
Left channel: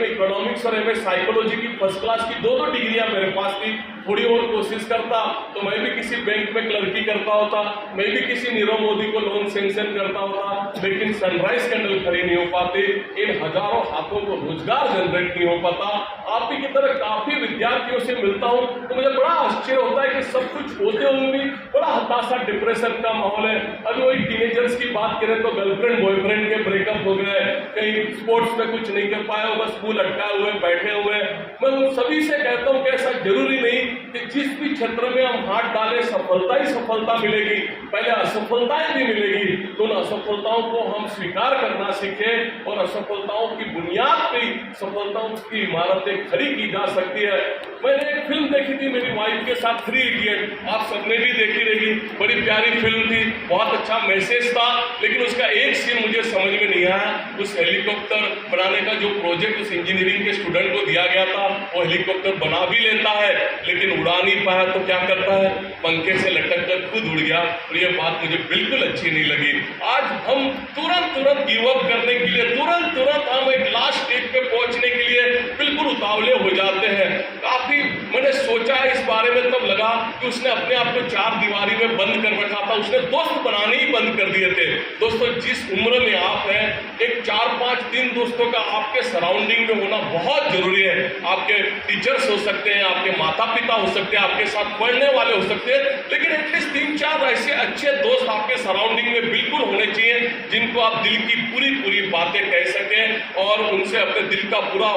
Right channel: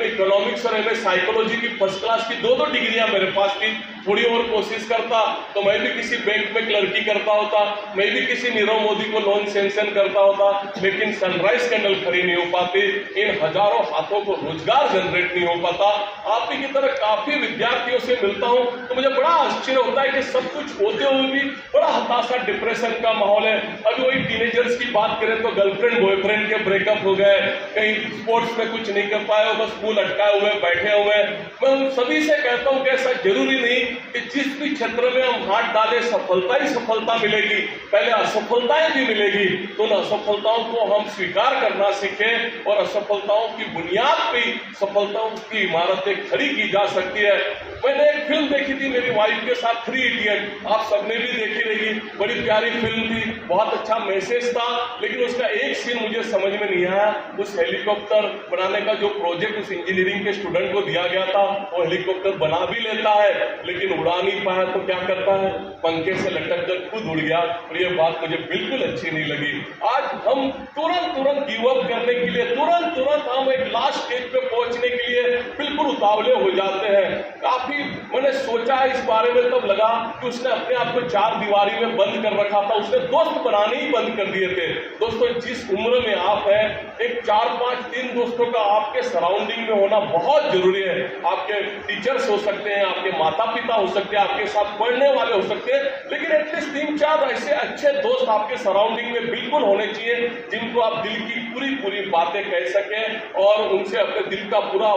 इकोनॉमिक्स और एमए साइकोलॉजी की फर्स्ट क्लास की 2 डिग्रियां मेरे पास थी। थोड़ी और कोशिश करता तो मैं भी किसी बैंक में क्लर्की करता होता, मैं भी किसी नीरव मोदी को लोन सैंक्शन करता होता। लेकिन सनराइज कैंडल खड़ी नहीं हो पाती, इन हजारों हाथों को रोजगार जनरेट नहीं हो पाता। आप ही की तरह काफी विद्यार्थियों से मिलता हूं तो मुझे बड़ा आश्चर्य होता है कि सब कुछ होते हुए भी बड़ा हताशा, डिप्रेशन का माहौल है। अभी वही टीनेजर्स की बात करें तो गर्लफ्रेंड बॉयफ्रेंड के ब्रेकअप हो गए, कहीं स्पोर्ट्स में कुछ नहीं कर पाए, बस स्कूल अटकाए हुए बैठे हुए। मैं उन सभी से कहता हूं कि ऐसा जरूरी नहीं कि जिस भी क्षेत्र में हम हाथ डालें सफलता ही सफलता मिलेगी, पहले असफलताएं भी मिलेगी। तो उन असफलताओं को हम स्वीकार करना सीखें और असफलताओं की बुनियाद पे सफलताओं की इमारतें खड़ी की जा सकती है। मैंने एक फिल्म देखी थी मेरी वाइफ के साथ, 3 इडियट, आप सबने भी देखी रहेगी, बड़ी प्यारी फिल्म थी, बहुत अच्छा मैसेज था। लेकिन उसका एक सीन मुझे समझ में नहीं आया। उस हेलीकॉप्टर बनाने का जो प्रोजेक्ट उस इंजीनियरिंग के स्टूडेंट को दिया गया था, वो हेलीकॉप्टर बना भी लेता है लेकिन उड़ा नहीं पाया तो क्या करता है, पंखे से लटक कर खुद उड़ गया। और ये बात मुझे बिल्कुल अच्छी नहीं लगी। आज हम तुरंत गिव अप करने के लिए, तुरंत हम एक लास्ट स्टेज पे पहुंचने के लिए बिल्कुल उतावले हो जाते हैं। काफी मैंने सोचा है इस बारे में, तब लगा कि उसने अपने आप को 4 दीवारी में बंद कर रखा था, उसने दोस्त बनाने ही बंद कर दिए थे। दोस्तों जिस उम्र में आप हैं, एक 4-5 3 दोस्तों का आपके सराउंडिंग में होना बहुत जरूरी है। आपके टीचर्स हो सकते हैं, आपके माता पिता हो सकते हैं, आपके साथ पढ़ने वाले हो सकते हैं, लेकिन एटलीस्ट 3-4 ऐसे अच्छे दोस्त आपके सराउंडिंग में बिल्कुल होने चाहिए जिनको आप दिल की पूरी बातें कह सकें और उनसे अपने दिल का पूरा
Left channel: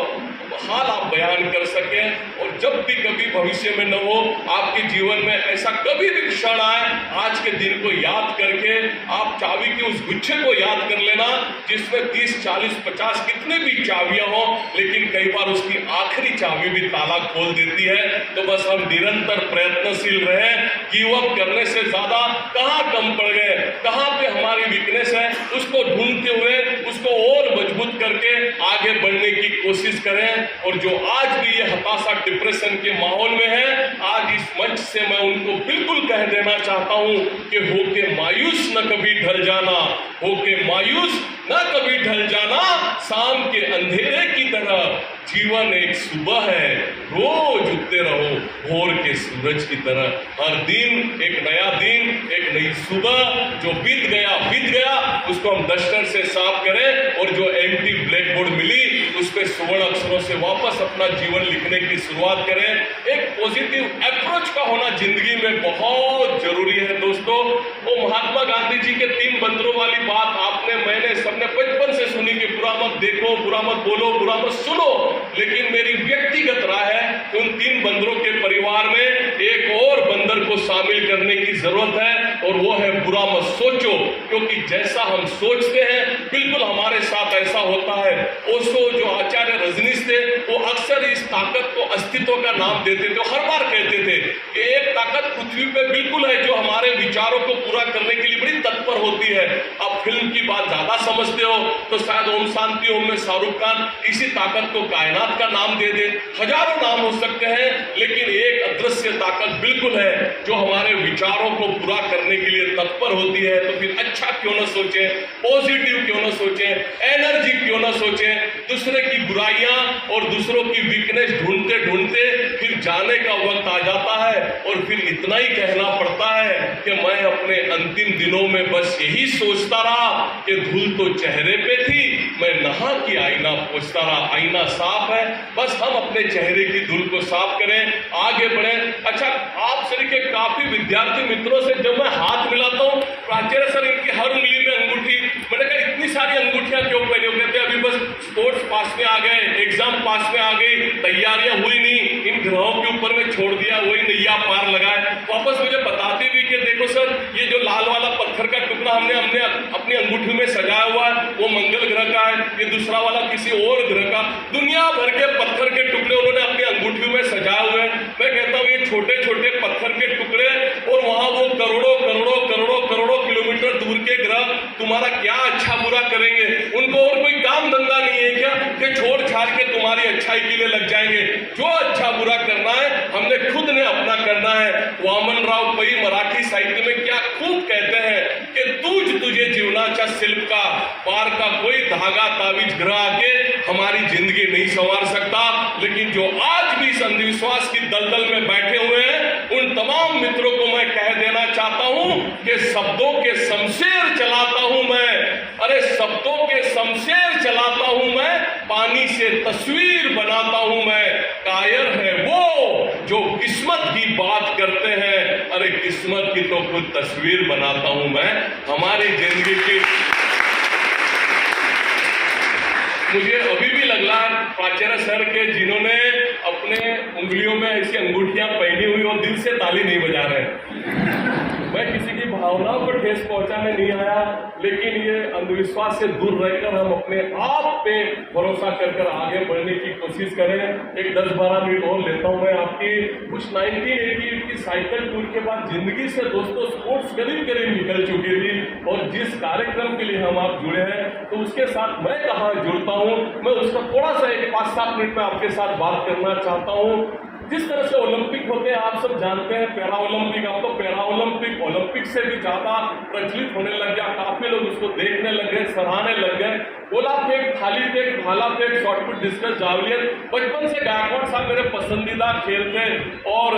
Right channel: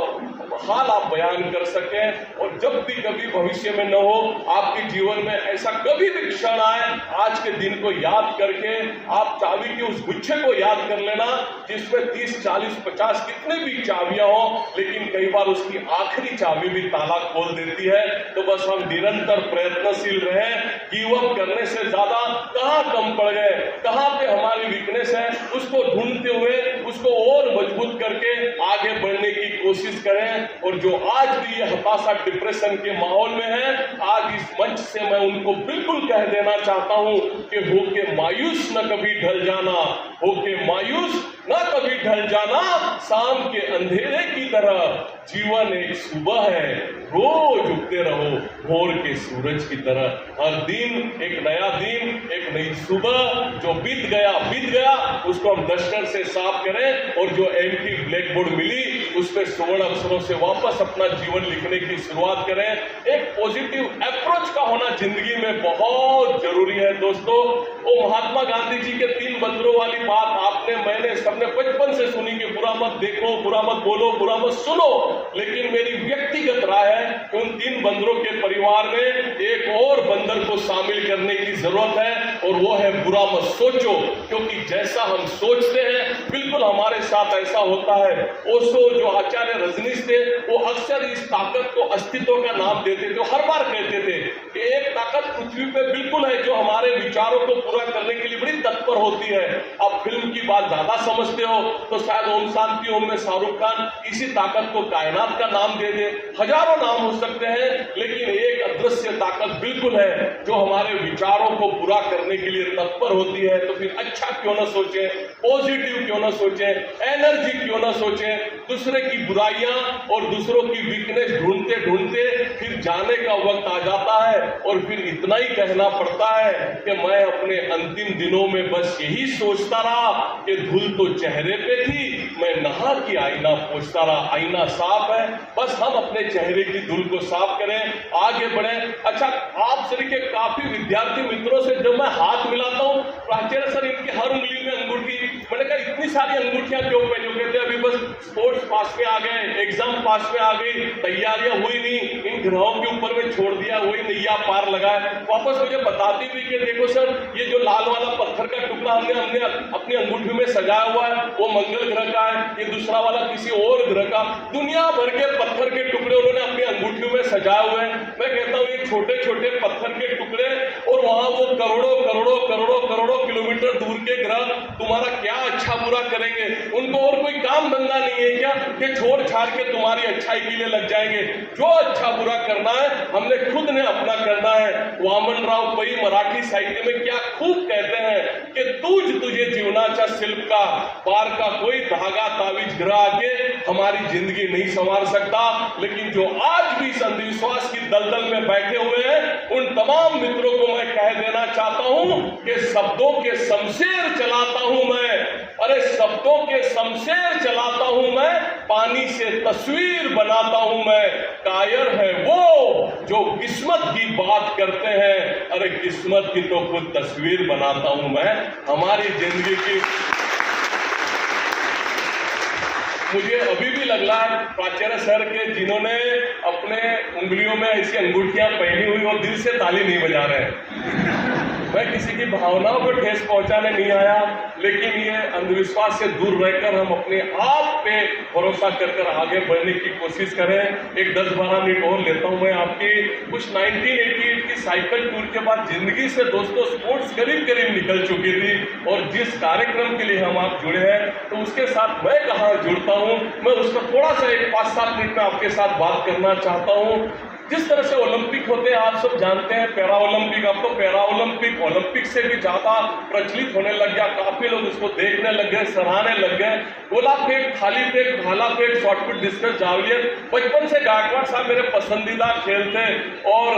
हाल आप बयान कर सकें। और जब भी कभी भविष्य में न हो आपके जीवन में ऐसा कभी भी क्षण आए, आज के दिन को याद करके आप चाबी के उस गुच्छे को याद कर लेना जिसमें 30, 40, 50 कितने भी चाबियां हो, लेकिन कई बार उसकी आखिरी चाबी भी ताला खोल देती है। तो बस हम निरंतर प्रयत्नशील रहें, गिव अप करने से ज्यादा कहां कम पड़ गए, कहां पे हमारी वीकनेस है, उसको ढूंढते हुए उसको और मजबूत करके आगे बढ़ने की कोशिश करें। और जो आज भी ये हताशा, डिप्रेशन के माहौल में है, आज इस मंच से मैं उनको बिल्कुल कह देना चाहता हूं कि होके मायूस न कभी ढल जाना, होके मायूस न कभी ढल जाना। शाम के अंधेरे की तरह जीवन एक सुबह है, रोज चमकते रहो भोर के सूरज की तरह। हर दिन एक नया दिन, एक नई सुबह, जो बीत गया उसको हम डस्टर से साफ करें और जो एम्प्टी ब्लैक बोर्ड मिली उस पे स्वर्ण अक्षरों से वापस अपना जीवन लिखने की शुरुआत करें। एक पॉजिटिव अप्रोच का होना जिंदगी में बहुत जरूरी है दोस्तों। वो महात्मा गांधी जी के 3 बंदरों वाली बात आपने, मैंने, सबने बचपन से सुनी कि बुरा मत देखो, बुरा मत बोलो, बुरा मत सुनो। लेकिन मेरी व्यक्तिगत राय है उन 3 बंदरों के परिवार में एक और बंदर को शामिल करने की जरूरत है और वो है बुरा मत सोचो। क्योंकि जैसा हम सोचते हैं बिल्कुल हमारे साथ ऐसा होता है। ओशो जो आचार्य रजनीश थे वो अक्सर इस ताकत को अस्तित्व का नाम देते थे। हर बार कहते थे कि एक ताकत पृथ्वी पे बिल्कुल है जो हमारे विचारों को पूरा करने के लिए बड़ी तत्पर होती है। अब फिल्म की बात ज्यादा समझते हो तो शायद ओम शांति ओम में शाहरुख खान इसी ताकत को कायनात का नाम दे दे। हजारों नाम हो सकते हैं लेकिन एक अदृश्य ताकत बिल्कुल है जो हमारे विचारों को पूरा करने के लिए तत्पर होती है। तो फिर अच्छा क्यों ना सोचें, पॉजिटिव क्यों ना सोचें, एनर्जी क्यों ना सोचें। दूसरे की बुराइयां और दूसरों की वीकनेस ढूंढते ढूंढते फिर जाने का वक्त आ जाता है और फिर इतना ही कहना पड़ता है कि मैं अपने अंतिम दिनों में बस यही सोचता रहा कि धूल तो चेहरे पे थी, मैं नहा के आईना पोंछता रहा। आईना साफ है, बस हम अपने चेहरे की धूल को साफ करें, आगे बढ़ें। अच्छा, आप सभी के काफी विद्यार्थी मित्रों से जब मैं हाथ मिलाता हूँ, प्राचार्य सर इनकी हर उंगली में अंगूठी, मैंने कहा इतनी सारी अंगूठियां क्यों पहने हो? कहते अभी बस स्पोर्ट्स पास में आ गए, एग्जाम पास में आ गई, तैयारियां हुई नहीं, इन ग्रहों के ऊपर में छोड़ दिया, वही नैया पार लगाए। वापस मुझे बताती भी कि देखो सर ये जो लाल वाला पत्थर का टुकड़ा हमने अपनी अंगूठी में सजाया हुआ है वो मंगल ग्रह का है, ये दूसरा वाला किसी और ग्रह का। दुनिया भर के पत्थर के टुकड़े उन्होंने अपनी अंगूठी में सजाए हुए हैं। मैं कहता हूँ ये छोटे छोटे पत्थर के टुकड़े और वहां वो करोड़ों करोड़ों करोड़ों करोड़ों किलोमीटर दूर के ग्रह तुम्हारा क्या अच्छा बुरा करेंगे? उनको और कोई काम धंधा नहीं है क्या कि छोड़ छाड़ के तुम्हारी अच्छाई के लिए लग जाएंगे? जो अच्छा बुरा करना है हमने खुद ने अपना करना है। वामन राव पै मराठी साहित्य में क्या खूब कहते हैं कि तूझ तुझे जीवनाचा शिल्प का, पार का कोई धागा तावीज ग्रह आके हमारी जिंदगी नहीं संवार सकता। लेकिन जो आज भी इस अंधविश्वास की दलदल में बैठे हुए हैं उन तमाम मित्रों को मैं कह देना चाहता हूं कि शब्दों के शमशेर चलाता हूं मैं, अरे शब्दों के शमशेर चलाता हूं मैं, पानी से तस्वीर बनाता हूं मैं। कायर है वो जो किस्मत की बात करते हैं, अरे किस्मत की तो खुद तस्वीर बनाता हूं मैं। हमारी जिंदगी की मुझे अभी भी लग रहा है प्राचार्य सर के जिन्होंने अपने उंगलियों में ऐसी अंगूठियां पहनी हुई और दिल से ताली नहीं बजा रहे हैं। मैं किसी की भावनाओं को ठेस पहुंचाने नहीं आया, लेकिन ये अंधविश्वास से दूर रहकर हम अपने आप पे भरोसा कर आगे बढ़ने की कोशिश करें। एक 10-12 मिनट और लेता हूं मैं आपकी। कुछ 1988 की साइकिल टूर के बाद जिंदगी से दोस्तों स्पोर्ट्स करीब करीब निकल चुकी थी और जिस कार्यक्रम के लिए हम आप जुड़े हैं तो उसके साथ मैं कहाँ जुड़ता हूँ, मैं उसका थोड़ा सा एक 5-7 मिनट में आपके साथ बात करना चाहता हूँ। जिस तरह से ओलंपिक होते हैं आप सब जानते हैं, पैरा ओलंपिक, अब तो पैरा ओलंपिक ओलंपिक से भी ज्यादा प्रचलित होने लग गया। काफी लोग उसको देखने लग गए, सराहने लग गए। गोला फेंक, थाली फेंक, भाला फेंक, शॉटपुट, डिस्कस, जावलिन, बचपन से गायकवाड़ साहब मेरे पसंदीदा खेल थे और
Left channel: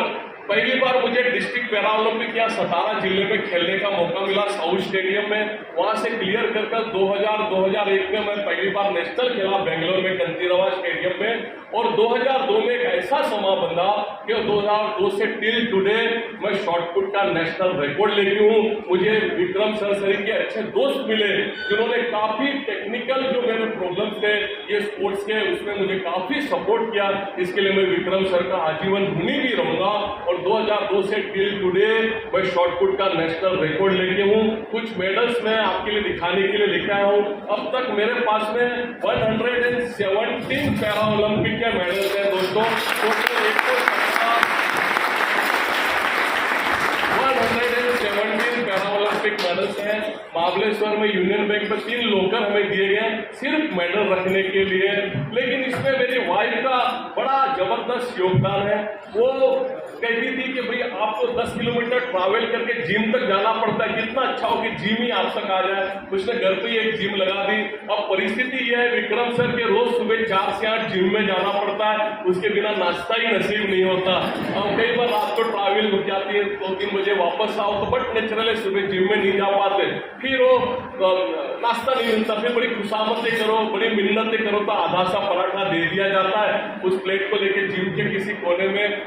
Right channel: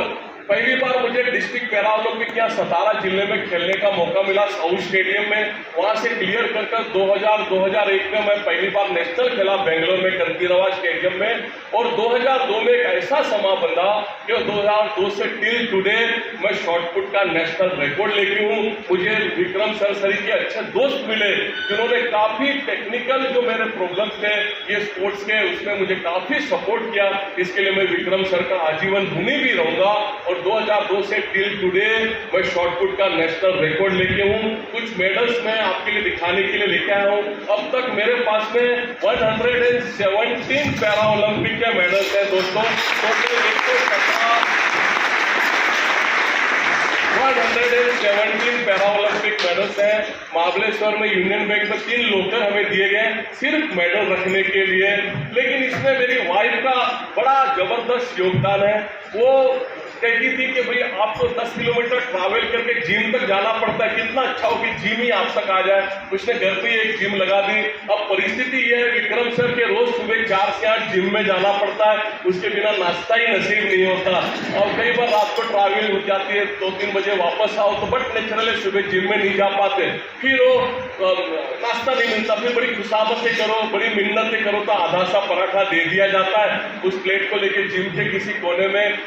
पहली बार मुझे डिस्ट्रिक्ट पैरा ओलंपिक यहाँ सतारा जिले में खेलने का मौका मिला साउथ स्टेडियम में। वहां से क्लियर कर 2001 में मैं पहली बार नेशनल खेला बेंगलोर में कंतीरवा स्टेडियम में और 2002 में एक ऐसा समा बंधा कि 2002 से टिल टुडे मैं शॉटपुट का नेशनल रिकॉर्ड लेके हूँ। मुझे विक्रम सरसरी के अच्छे दोस्त मिले जिन्होंने काफी टेक्निकल जो मेरे प्रॉब्लम्स थे ये स्पोर्ट्स के उसमें मुझे काफी सपोर्ट किया। इसके लिए मैं विक्रम सर का आजीवन ऋणी भी रहूंगा। और 2002 से टिल टुडे मैं शॉटपुट का नेशनल रिकॉर्ड लेके हूँ। कुछ मेडल्स मैं आपके लिए दिखाने के लिए लेके आया हूँ। अब तक मेरे पास में 117 पैरा ओलंपिक के मेडल्स हैं दोस्तों। 117 पैरा ओलंपिक मेडल्स हैं। महाबलेश्वर में यूनियन बैंक में 3 लोकर हमें दिए गए सिर्फ मेडल रखने के लिए। लेकिन इसमें मेरी वाइफ का बड़ा जबरदस्त योगदान है। वो कहती थी कि भाई आपको 10 किलोमीटर ट्रैवल करके जिम तक जाना पड़ता है, कितना अच्छा हो कि जिम ही आप तक आ जाए। उसने घर पे ही एक जिम लगा दी। अब परिस्थिति यह है विक्रम सर के रोज सुबह 4 से 8 जिम में जाना पड़ता है, उसके बिना नाश्ता ही नसीब नहीं होता। और कई बार रात को ट्रैवल हो जाती है, 2-3 बजे वापस आओ तो बट नेचुरल है सुबह जिम में नहीं जा पाते, फिर वो नाश्ता नहीं मिलता, फिर बड़ी खुशामतें करो, बड़ी मिन्नतें करो तो आधा सा पराठा दे दिया जाता है। उस प्लेट को लेके जिम के किसी कोने में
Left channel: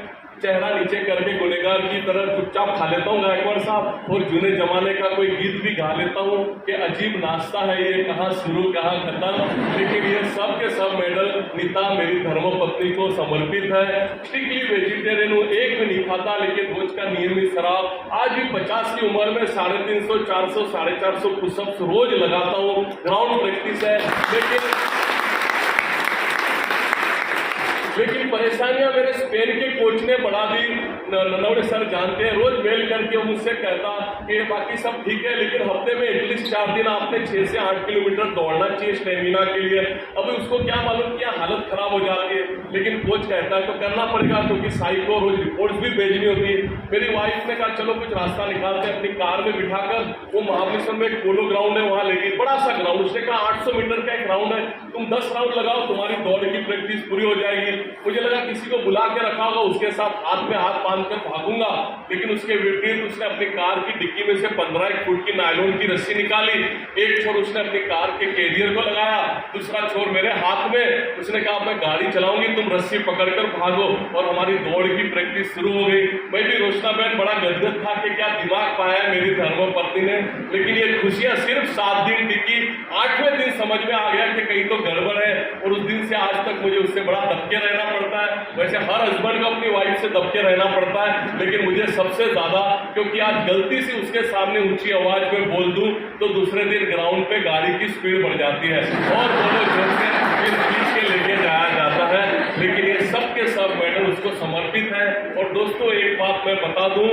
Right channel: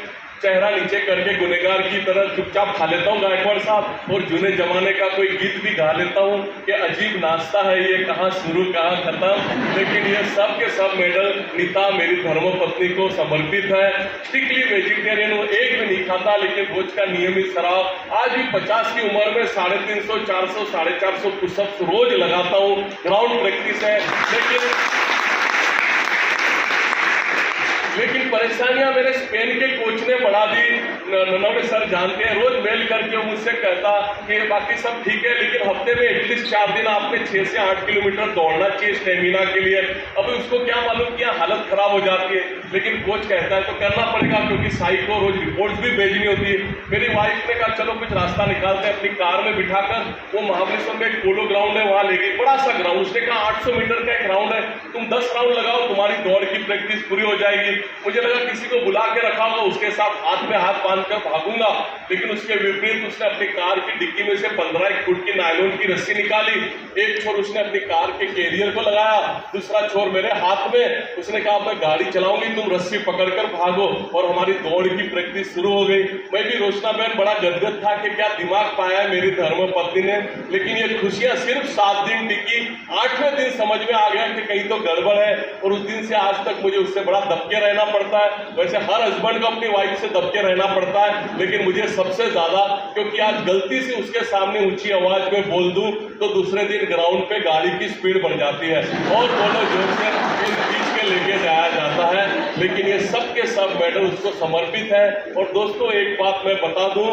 चेहरा नीचे करके गुनेगार की तरह चुपचाप खा लेता हूँ गायकवाड़ साहब, और जूने जमाने का कोई गीत भी गा लेता हूँ कि अजीब नाश्ता है ये, कहाँ शुरू कहाँ खत्म। लेकिन ये सब के सब मेडल नीता मेरी धर्मपत्नी को समर्पित है। स्ट्रिक्टली वेजिटेरियन हूँ, एक भी नहीं खाता, लेकिन रोज का नियमित शराब। आज भी 50 की उम्र में 350, 400, 450 पुशअप्स रोज लगाता हूँ, ग्राउंड प्रैक्टिस है। लेकिन परेशानियां मेरे स्पेन के कोच ने बढ़ा दी। नवड़े सर जानते हैं, रोज मेल करके मुझसे कहता कि बाकी सब ठीक है, लेकिन हफ्ते में एटलीस्ट 4 दिन आपने 6 से 8 किलोमीटर दौड़ना चाहिए स्टेमिना के लिए। अभी उसको क्या मालूम कि हालत खराब हो जाती है, लेकिन कोच कहता है तो करना पड़ेगा, क्योंकि साई को रोज रिपोर्ट्स भी भेजनी होती है। मेरी वाइफ ने कहा चलो कुछ रास्ता निकालते हैं, अपनी कार में बिठाकर वो महाबलेश्वर में एक पोलो ग्राउंड है वहां ले गई, बड़ा सा ग्राउंड। उसने कहा 800 मीटर का एक ग्राउंड है, तुम 10 राउंड लगाओ, तुम्हारी दौड़ की प्रैक्टिस पूरी हो जाएगी। मुझे लगा किसी को बुला के रखा होगा, उसके साथ हाथ में हाथ बांध कर भागूंगा, लेकिन उसके विपरीत उसने अपनी कार की डिक्की में से 15 फुट की नायलॉन की रस्सी निकाली। एक छोर उसने अपनी कार के कैरियर को लगाया, दूसरा छोर मेरे हाथ में। उसने कहा मैं गाड़ी चलाऊंगी, तुम रस्सी पकड़कर भागो, और हमारी दौड़ की प्रैक्टिस शुरू हो गई। मैं भी रोशना बहन बड़ा गदगद था कि क्या दिमाग पाया मेरी धर्मपत्नी ने। लेकिन ये खुशियां सिर्फ 7 दिन टिकी। 8वें दिन समझ में आ गया कि कहीं तो गड़बड़ है, और उस दिन से आज तक मुझे उससे बड़ा दबके रहना पड़ता है। वैसे हर हस्बैंड को अपनी वाइफ से दबके रहना पड़ता है, लेकिन मुझे सबसे ज्यादा, क्योंकि आज गलती से उसके सामने ऊंची आवाज में बोल दूं तो दूसरे दिन ग्राउंड पे गाड़ी की स्पीड बढ़ जाती है और दोनों जोर से खींच के लेके जाया जाता है। लेकिन ये सब के सब मेडल उसको समर्पित है। और दोस्तों एक बात मैं बता दूं,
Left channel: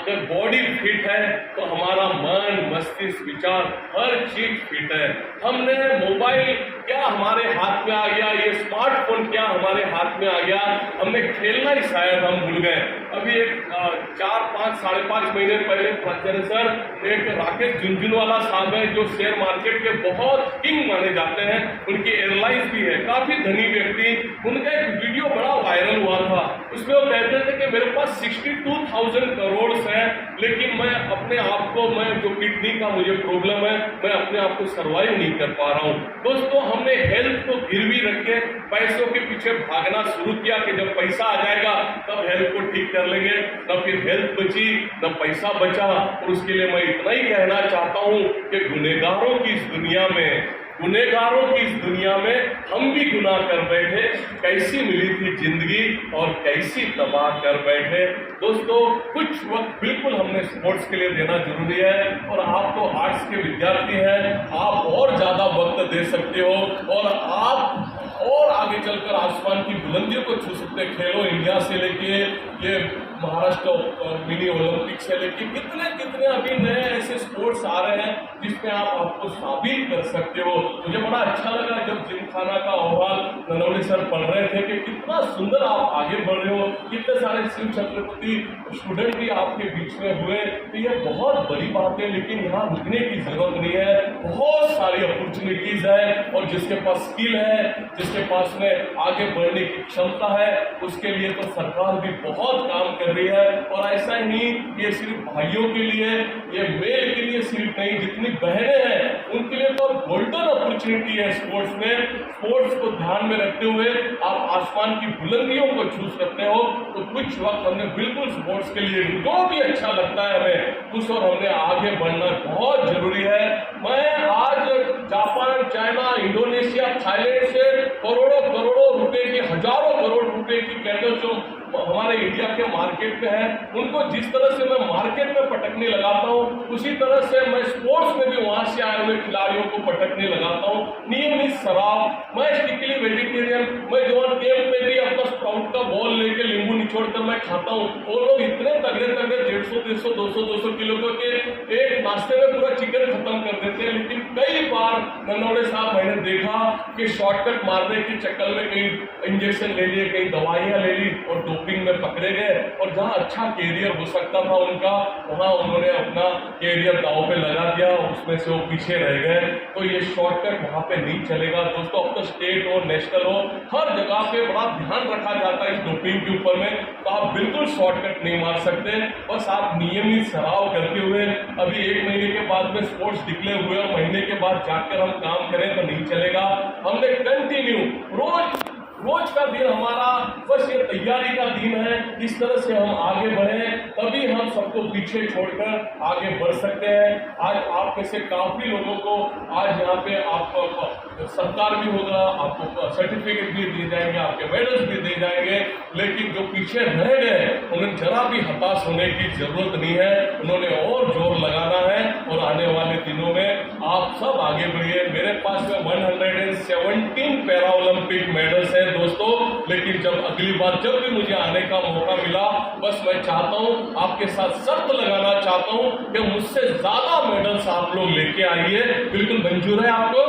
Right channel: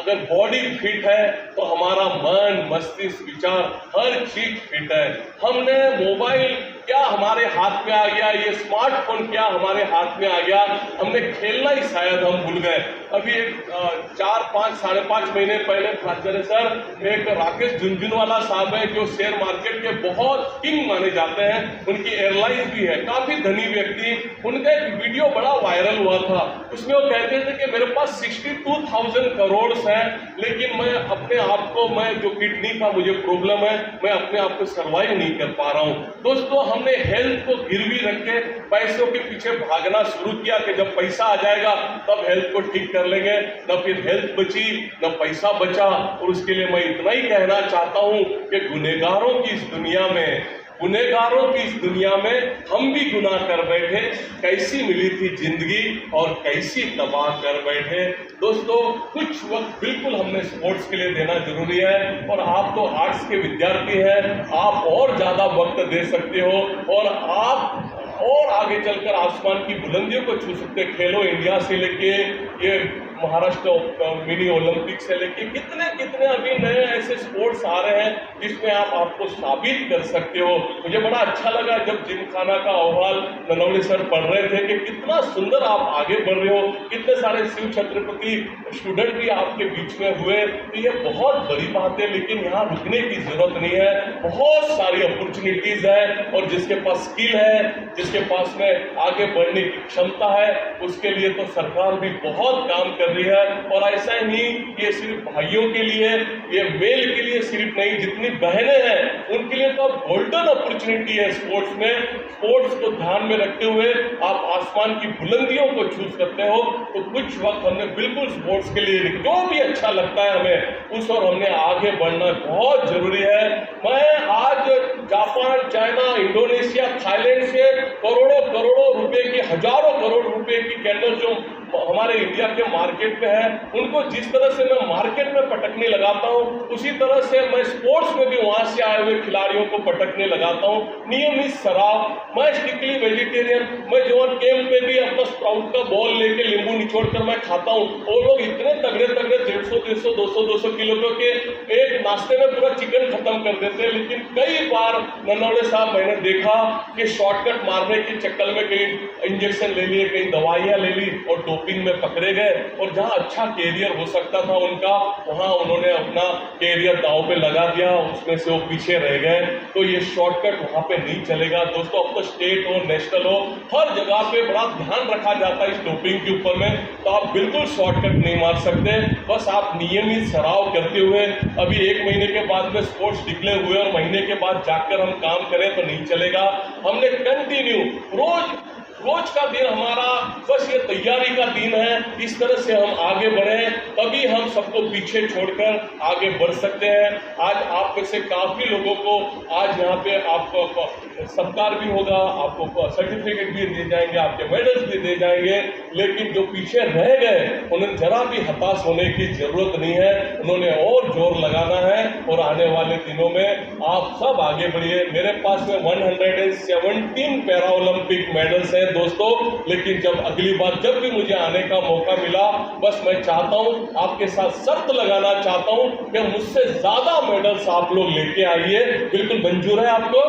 अगर बॉडी फिट है तो हमारा मन, मस्तिष्क, विचार हर चीज फिट है। हमने मोबाइल क्या हमारे हाथ में आ गया, ये स्मार्टफोन क्या हमारे हाथ में आ गया, हमने खेलना ही शायद हम भूल गए। अभी एक 4-5 साढ़े 5 महीने पहले प्राचार्य सर एक राकेश झुनझुनवाला साहब है जो शेयर मार्केट के बहुत किंग माने जाते हैं, उनकी एयरलाइंस भी है, काफी धनी व्यक्ति। उनका एक वीडियो बड़ा वायरल हुआ था, उसमें वो कहते थे कि मेरे पास 62,000 करोड़ है, लेकिन मैं अपने आप को, मैं जो किडनी का मुझे प्रॉब्लम है, मैं अपने आप को सर्वाइव नहीं कर पा रहा हूं। दोस्तों हमने हेल्थ को गिरवी रख के पैसों के पीछे भागना शुरू किया कि जब पैसा आ जाएगा तब हेल्थ को ठीक कर लेंगे, न फिर हेल्थ बची न पैसा बचा। और उसके लिए मैं इतना ही कहना चाहता हूं कि गुनहगारों की इस दुनिया में, गुनहगारों की इस दुनिया में हम भी गुनाह कर बैठे, कैसी मिली थी जिंदगी और कैसी तबाह कर बैठे। दोस्तों कुछ वक्त बिल्कुल हमने स्पोर्ट्स के लिए देना जरूरी है, और आप तो आर्ट्स के विद्यार्थी हैं, आप और ज्यादा वक्त दे सकते हो और आप और आगे चलकर आसमान की बुलंदियों को छू सकते हैं। खेलो इंडिया से लेके ये महाराष्ट्र मिनी ओलंपिक से लेके कितने कितने अभी नए ऐसे स्पोर्ट्स आ रहे हैं जिसमें आप आपको साबित कर सकते हो। मुझे बड़ा अच्छा लगा जब जिमखाना का अहवाल ननवणे सर पढ़ रहे थे कि कितना सुंदर आप आगे बढ़ रहे हो, कितने सारे शिव छत्रपति स्टूडेंट भी आपके बीच में हुए, तो ये बहुत बड़ी बात है। लेकिन यहाँ रुकने की जरूरत नहीं है, बहुत सारी अपॉर्चुनिटीज है, और जिसके पास स्किल है, जिसके पास में आगे बढ़ने की क्षमता है, उसके लिए तो सरकार भी बहुत काम कर रही है। और ऐसा ही ये सिर्फ भाइयों के लिए, ये मेल के लिए सिर्फ नहीं, जितनी बहनें हैं उनके लिए तो गोल्डन अपॉर्चुनिटी है स्पोर्ट्स में। स्पोर्ट्स को ध्यान में रखते हुए आप आसमान की बुलंदियों को छू सकते हो। तो कुछ वक्त हमने बिल्कुल स्पोर्ट्स के लिए जो भी अच्छा लगता है हमें उस और हमने आगे बढ़ना बहुत जरूरी है। मैं आज जापान, चाइना, इंडोनेशिया, थाईलैंड से करोड़ों करोड़ों रुपए की, हजारों करोड़ रुपए की कैंडल जो हमारे इंडिया के मार्केट में है, उनको जिस तरह से मैं मार्केट में पटकने लगाता हूँ, उसी तरह से मैं स्पोर्ट्स में भी वहां से आए हुए खिलाड़ियों को पटकने लगाता हूँ। नियमित शराब, मैं स्ट्रिक्टली वेजिटेरियन, मैं जोन कैंप में भी अपना स्प्राउट का बॉल लेके नींबू निचोड़ कर मैं खाता हूँ। वो लोग इतने तगड़े तगड़े 150, 200 किलो के एक नाश्ते में पूरा चिकन खत्म कर देते हैं। लेकिन कई बार ननवणे साहब मैंने देखा कि शॉर्टकट मारने के चक्कर में कहीं इंजेक्शन ले लिए, कहीं दवाइयां ले ली और डोपिंग में पकड़े गए और जहां अच्छा कैरियर हो सकता था उनका, वहां उन्होंने अपना कैरियर दांव पे लगा दिया, उसमें से वो पीछे रह गए। तो ये शॉर्टकट वहां पे नहीं चलेगा दोस्तों। अब तो स्टेट हो, नेशनल हो, हर जगह पे बड़ा ध्यान रखा जाता है इस डोपिंग के ऊपर में। तो आप बिल्कुल शॉर्टकट नहीं मार सकते, बस आप नियमित सराव करते हुए अभी 1 महीने के बाद में स्पोर्ट्स डिक्लेयर हुए और महीने के बाद जाकर हम काम करें तो नहीं चलेगा। हमने कंटिन्यू रोज का दिन हमारा बस ये तैयारी का दिन है। इस तरह से हम आगे बढ़े तभी हम सबको पीछे छोड़कर आगे बढ़ सकते हैं। आज आप में से काफी लोगों को आज यहाँ पे आपको सत्कार भी होगा, आपको सर्टिफिकेट भी दिए जाएंगे, आपके मेडल्स भी दिए जाएंगे, लेकिन जो पीछे रह गए उन्हें जरा भी हताश होने की जरूरत नहीं है। उन्होंने और जोर लगाना है और आने वाले दिनों में आप सब आगे बढ़िए। मेरे पास में 117 पैरा ओलंपिक मेडल्स हैं दोस्तों, लेकिन जब अगली बार जब भी मुझे आने का मौका मिला, बस मैं चाहता हूं, आपके साथ शर्त लगाना चाहता हूं कि मुझसे ज्यादा मेडल्स आप लोग लेके आइए। बिल्कुल मंजूर है आपको?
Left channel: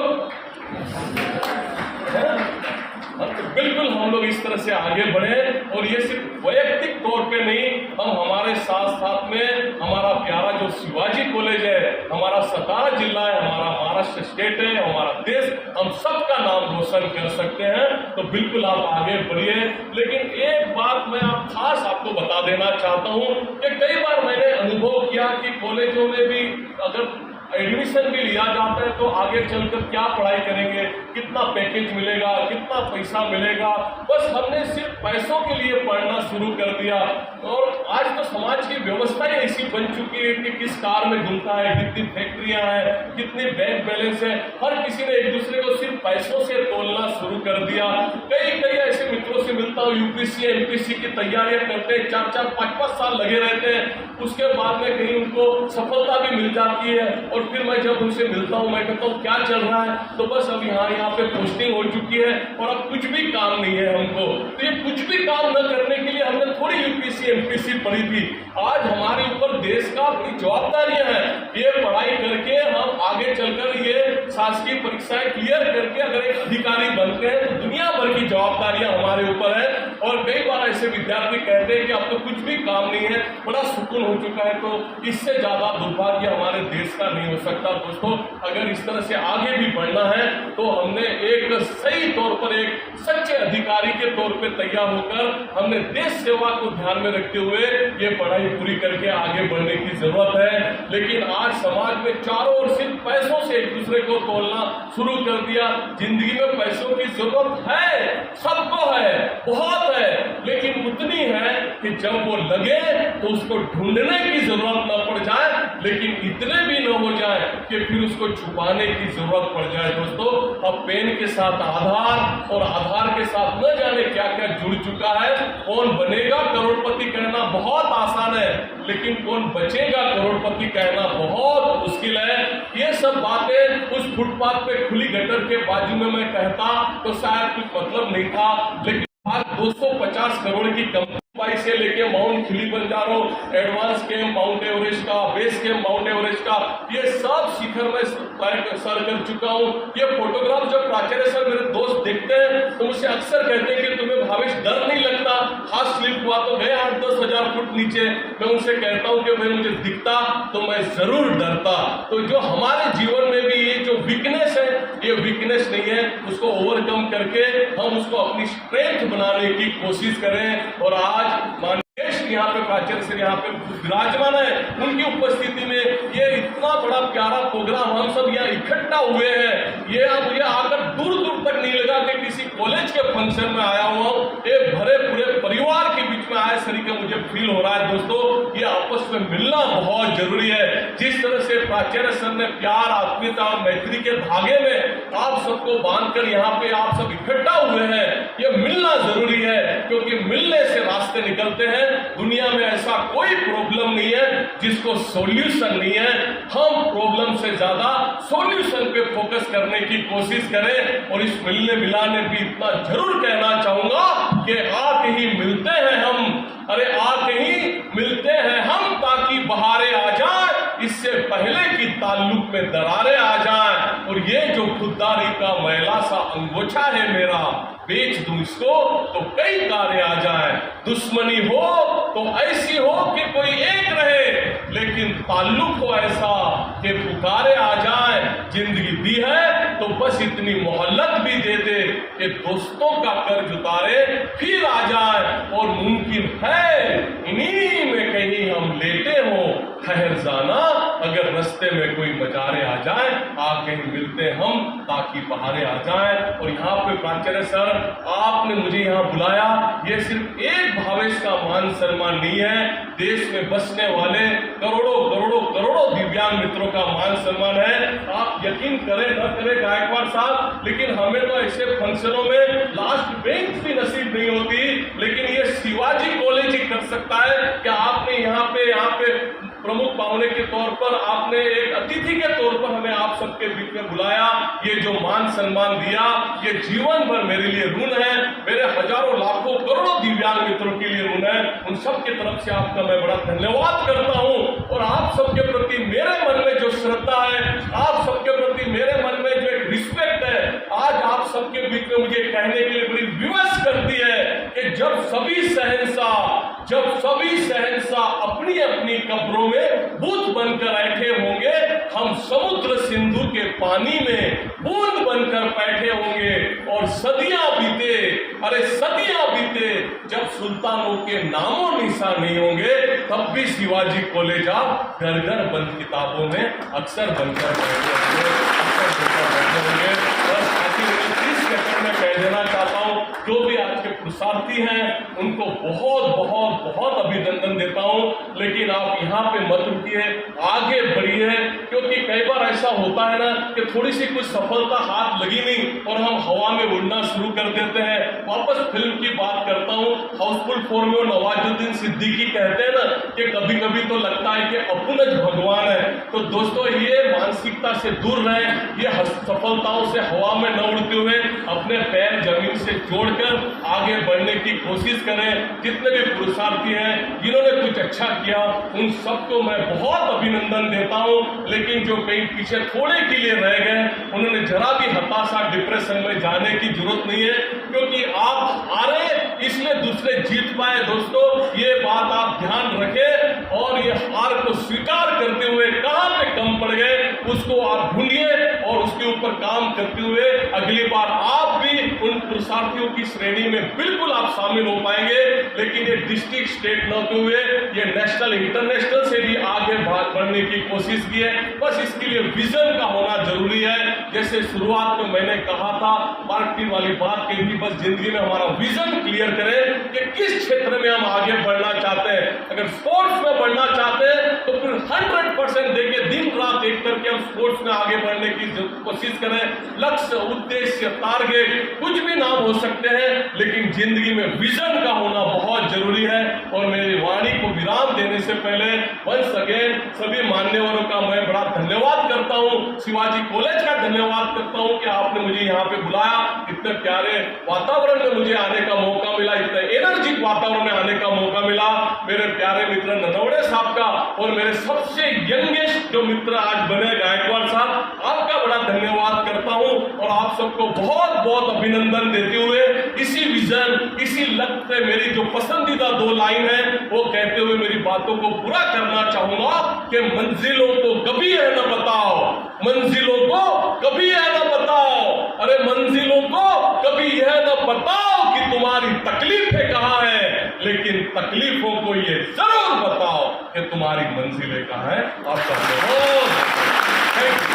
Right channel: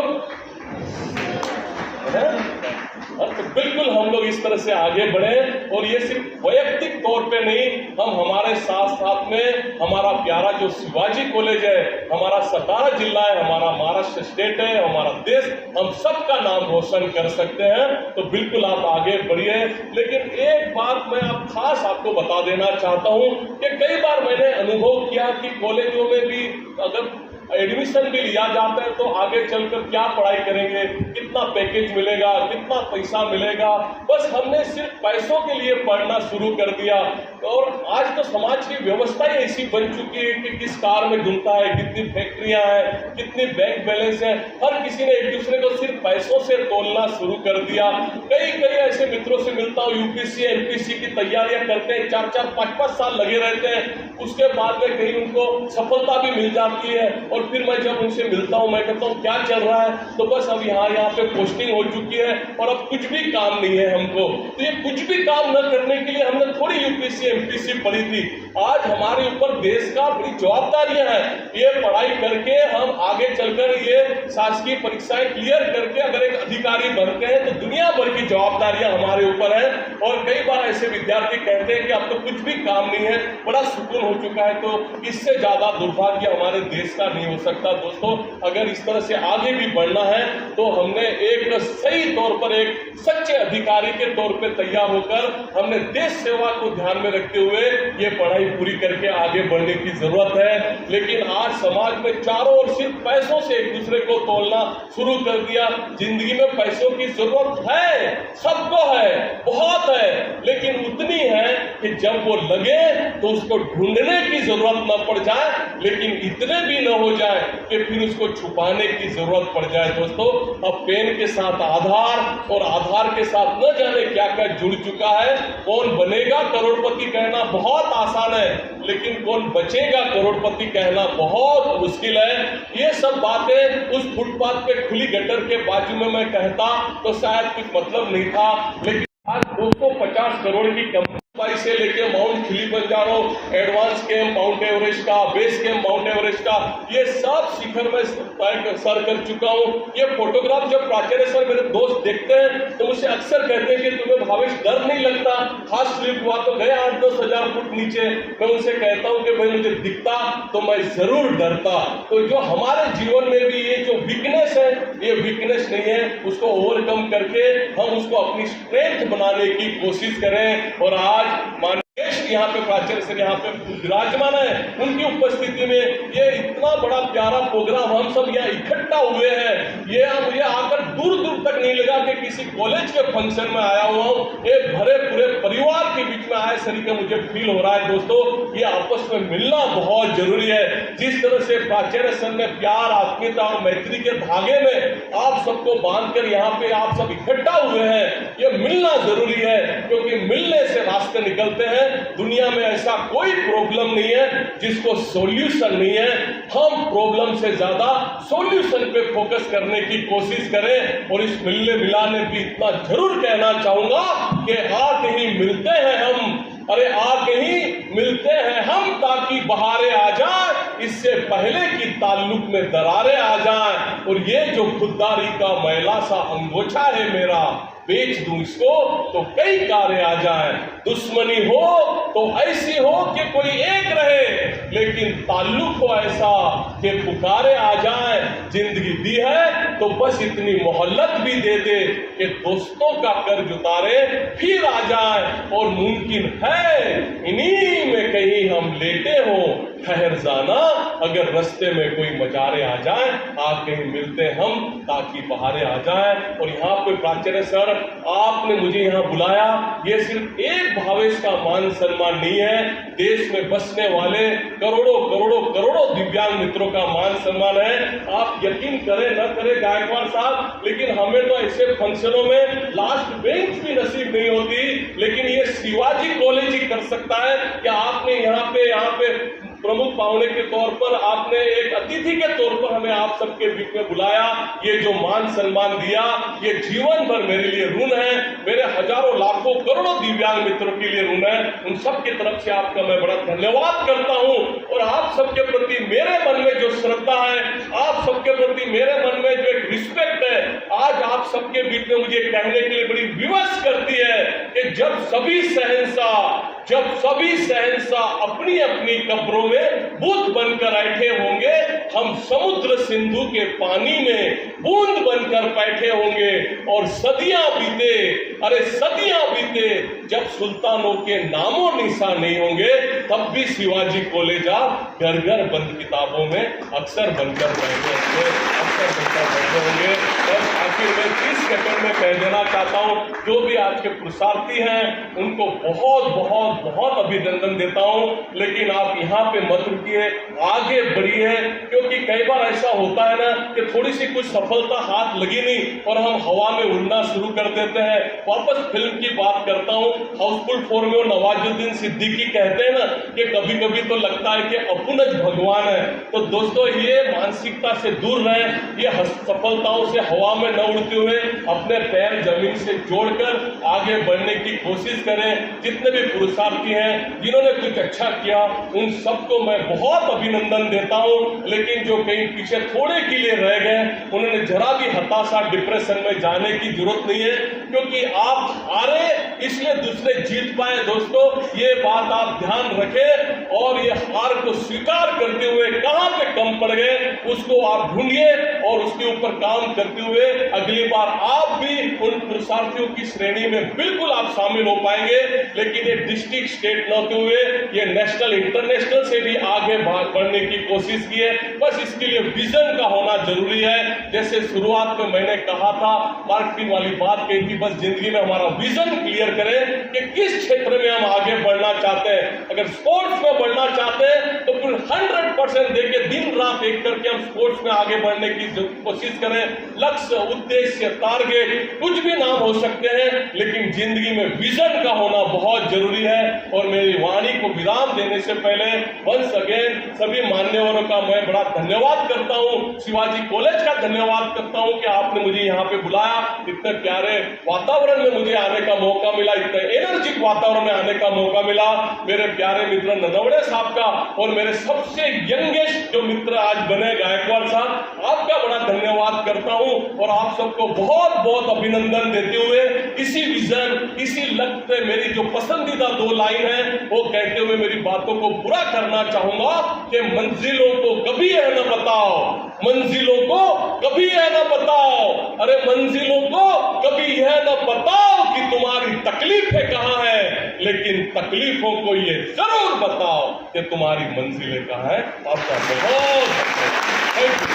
तो बिल्कुल हम लोग इस तरह से आगे बढ़े और ये सिर्फ वैयक्तिक तौर पे नहीं, हम हमारे साथ साथ में हमारा प्यारा जो शिवाजी कॉलेज है, हमारा सतारा जिला है, हमारा महाराष्ट्र स्टेट है, हमारा देश, हम सबका नाम रोशन कर सकते हैं। तो बिल्कुल आप आगे बढ़िए। लेकिन एक बात मैं खास आपको बता देना चाहता हूं कि कई बार मैंने अनुभव किया कि कॉलेजों में भी अगर एडमिशन भी लिया जाता है तो आगे चलकर क्या पढ़ाई करेंगे, कितना पैकेज मिलेगा, कितना पैसा मिलेगा, बस हमने सिर्फ पैसों के लिए पढ़ना शुरू कर दिया। और आज तो समाज की व्यवस्था ही ऐसी बन चुकी है कि किस कार में घूमता है, कितनी फैक्ट्रियां हैं, कितनी बैंक बैलेंस है, हर किसी ने एक दूसरे को सिर्फ पैसों से तोलना शुरू कर दिया। कई ऐसे मित्रों से मिलता हूँ, यूपीसी एमपीसी की तैयारियां करते हैं, 4-4, 5-5 साल लगे रहते हैं, उसके बाद में कहीं उनको सफलता भी मिल जाती है और फिर मैं जब उनसे मिलता हूं मैं कहता हूं क्या चल रहा है, तो बस अब यहाँ पे पोस्टिंग हो चुकी है और अब कुछ भी काम नहीं है हमको। तो ये कुछ भी काम न करने के लिए हमने थोड़ी यूपीसी एमपीसी पढ़ी थी। आज हमारे ऊपर देश का बड़ी जवाबदारियां हैं। ये पढ़ाई करके हम आगे चलकर ये शासकीय परीक्षाएं क्लियर करके अगर एक अधिकारी बनते हैं तो दुनिया भर की जवाबदारियां हमारे ऊपर है। और कई बार ऐसे विद्यार्थी कहते हैं कि अब तो कुछ भी काम नहीं है, बड़ा सुकून हो चुका है। तो इससे ज्यादा दुर्भाग्य हमारे देश का नहीं हो सकता दोस्तों। अगर इस तरह से आगे भी बढ़ना है तो हमने एक सही तौर पर एक सच्चे अधिकारी के तौर पे तैयार होकर हमने देश सेवा को ध्यान में रखते हुए ये पढ़ाई पूरी करके आगे बढ़ने की जरूरत है। लेकिन आज समाज में चारों ओर सिर्फ पैसों से एक दूसरे को तोलना शुरू कर दिया। जिंदगी में पैसों की जरूरत है, सबको है, बहुत है, लेकिन उतनी है कि जब वो लगे तो उसको ढूंढने की जरूरत न पड़ जाए, लेकिन इतने भी न हो जाए कि फिर उसको छुपाने की जरूरत पड़ जाए। दोस्तों, अब पेन के साथ आधार और आधार के साथ न जाने क्या क्या जुड़ चुका है। कौन बनेगा करोड़पति कहना बहुत आसान है, लेकिन कौन बचेगा करोड़पति कहना बहुत मुश्किल है। ये सब बातें उस फुटपाथ पे खुली गटर के बाजू में मैं कहता तो शायद कुछ मतलब नहीं था, लेकिन आज 250 करोड़ की कंपनी से लेके mount Kilimanjaro, advance camp mount Everest का, बेस कैंप माउंट एवरेस्ट का, ये सब शिखर में सर कर चुका हूँ। ये फोटोग्राफ जो प्राचार्य सर मेरे दोस्त देखते हैं तो मुझसे अक्सर कहते हैं कि तुम्हें भावेश डर नहीं लगता, हाथ स्लिप हुआ तो गए 8-10 हजार फुट नीचे। मैं उनसे कहता हूँ कि भाई मुझे दिखता तो मैं जरूर डरता। तो जो हमारे जीवन में भी ये जो वीकनेस है, ये वीकनेस नहीं है, उसको ओवरकम करके हम उसको अपनी स्ट्रेंथ बनाने की कोशिश करें। और आज माननीय यहाँ पे प्राचार्य सर यहाँ पे विराजमान है, उनकी उपस्थिति में ये इतना बड़ा प्यारा प्रोग्राम हम सब यहाँ इकट्ठा हुए हैं। ये मुझे आकर दूर दूर तक नहीं लगा कि किसी कॉलेज के फंक्शन में आया हुआ हूँ, एक भरे पूरे परिवार के बीच में आया सरी का मुझे फील हो रहा है। दोस्तों, ये आपस में मिलना बहुत जरूरी है। जिस तरह से प्राचार्य सर ने प्यार, आत्मीयता और मैत्री के धागे में आप सबको बांधकर यहाँ पे आप सब इकट्ठा हुए हैं, ये मिलना जरूरी है, क्योंकि मिलने से रास्ते निकलते हैं। दुनिया में ऐसा कोई प्रॉब्लम नहीं है जिसको सॉल्यूशन नहीं है। हम प्रॉब्लम से ज्यादा सॉल्यूशन पे फोकस करने की कोशिश करें। और इस मिलने मिलाने भी इतना जरूर कहना चाहूंगा कि आके ही मिलते हैं हम, अरे आके ही मिलते हैं हम, ताकि बहारें आ जाए, इससे पहले कि ताल्लुक में दरारें आ जाएं। और ये जो खुददारी का मैला सा अंगोछा है मेरा, बेच दूं इसको तो कई कार्य आ जाए, दुश्मनी हो तो ऐसी हो कि कोई एक रहे, लेकिन ताल्लुक हो ऐसा कि पुकारे आ जाए। जिंदगी दी है तो बस इतनी मोहल्लत भी दे दे कि दोस्तों का कर्ज उतारे फिर आ जाए। और मुमकिन है इन्हीं में कहीं हम लेटे हो, ठहर जाना अगर रास्ते में कोई मजारे आ जाए, आप कहीं मिलते हम ताकि बहारे आ जाए। और यहाँ पे प्राचार्य सर, आपने मुझे यहाँ बुलाया, ये सिर्फ एक भावेश का मान सम्मान नहीं है, देश में बसने वाले करोड़ों करोड़ों करोड़ों दिव्यांग मित्रों का मान सम्मान है। आप यकीन करें न करें गायकवाड़ साहब, लेकिन हमें तो ऐसे फंक्शनों में लास्ट बेंच भी नसीब नहीं होती, लेकिन ये शिवाजी कॉलेज ही कर सकता है कि आपने यहाँ पे प्रमुख पावने के तौर पर, आपने एक अतिथि के तौर पर हमें आप सबके बीच में बुलाया, ये जो मान सम्मान दिया, ये जीवन भर मेरे लिए ऋण है, मेरे हजारों लाखों करोड़ों दिव्यांग मित्रों के लिए ऋण है। उन सब की तरफ से आपका मैं बड़ा धन्यवाद करता हूं। और आप सबके प्रति मेरे मन में जो श्रद्धा है, आप सबके प्रति मेरे मन में जो एक रिस्पेक्ट है, आज आप सबके बीच में मुझे कहने के लिए बड़ी विवश करती है कि जब सभी शहंशाह अपनी अपनी कब्रों में बुत बनकर बैठे होंगे, हम समुद्र सिंधु के पानी में बूंद बनकर बैठे होंगे। और सदियां बीते जब सुल्तानों के नामों निशान नहीं होंगे, तब भी शिवाजी कॉलेज आप घर घर बंद किताबों में अक्सर बनकर बैठे होंगे। बस आखिर में 30 सेकंड में कह देना चाहता हूं, जो भी आज के पुरुषार्थी हैं उनको बहुत बहुत बहुत अभिनंदन देता हूं, लेकिन आप यहाँ पे मत रुकिए, आगे बढ़िए, क्योंकि कई बार ऐसा होता है ना कि थोड़ी सी कुछ सफलता हाथ लगी नहीं और हम हवा में उड़ना शुरू कर देते हैं। वापस फिल्म की बात करता हूं, हाउसफुल 4 में नवाजुद्दीन सिद्दीकी कहते हैं ना कि कभी कभी तो लगता है कि अपुनज भगवान है। तो दोस्तों, ये मानसिकता से दूर रहें, ये सफलताओं से हवा में न उड़ते हुए अपने पैर जमीन से जोड़कर आगे बढ़ने की कोशिश करें। जितने भी पुरुषार्थी हैं जिन्होंने कुछ अच्छा किया, उन सबको मैं बहुत अभिनंदन देता हूं, लेकिन जो कहीं पीछे थोड़े के लिए रह गए, उन्होंने जरा भी हताशा डिप्रेशन में जाने की जरूरत नहीं है, क्योंकि आप हारे इसलिए दूसरे जीत पाए। दोस्तों, ये बात आप ध्यान रखें और ये हार को स्वीकार करते हुए कहां पे कम पड़ गए उसको आप ढूंढिए और उसके ऊपर काम करते हुए अगली बार आप भी उन पुरुषार्थियों की श्रेणी में बिल्कुल आप शामिल हो पाएंगे। लेकिन ये डिस्ट्रिक्ट स्टेट न होते हुए ये नेशनल इंटरनेशनल से भी आगे बढ़ने की कोशिश की है। बस इसके लिए विजन का होना जरूरी है। जैसे शुरुआत में मैंने कहा था, मार्केटिंग वाली बात कही थी, बस जिंदगी में हमारा विजन क्लियर करें कि किस क्षेत्र में हम आगे बढ़ना चाहते हैं। अगर स्पोर्ट्स में बढ़ना चाहते हैं तो फिर 100% देके दिन रात एक करके हम स्पोर्ट्स में आगे बढ़ने की कोशिश करें। लक्ष्य, उद्देश्य, टारगेट कुछ भी नाम हो सकते हैं, लेकिन जिंदगी में विजन का होना बहुत जरूरी है। और मेरी वाणी को विराम देने से पहले वंस अगेन सभी मान्यवरों का मैं बड़ा धन्यवाद करता हूं, शिवाजी कॉलेज का धन्यवाद करता हूं कि आपने मुझे यहाँ पे बुलाया, इतने प्यारे वातावरण में मुझे आने का मौका मिला, इतने एनर्जिक वातावरण में आने का मौका मिला। मेरे प्यारे मित्र ननवड़े साहब का और मेरे सबसे यंगेस्ट जो मित्र आज बने गायकवाड़ साहब, आपका बड़ा धन्यवाद करता हूं और आप सबको बहुत बहुत अभिनंदन देते हुए इसी विजन, इसी लक्ष्य से मेरी जो पसंदीदा 2 लाइन है वो कहते हुए मेरी बातों को पूरा करना चाहूंगा कि मंजिलों को कभी यह न बताओ, मंजिलों को कभी यह न बताओ, अरे मंजिलों को कभी यह न बताओ कि तुम्हारी तकलीफें कहां है, लेकिन तकलीफों को ये जरूर बताओ कि तुम्हारी मंजिलें कहां है। आपका बहुत थैंक यू।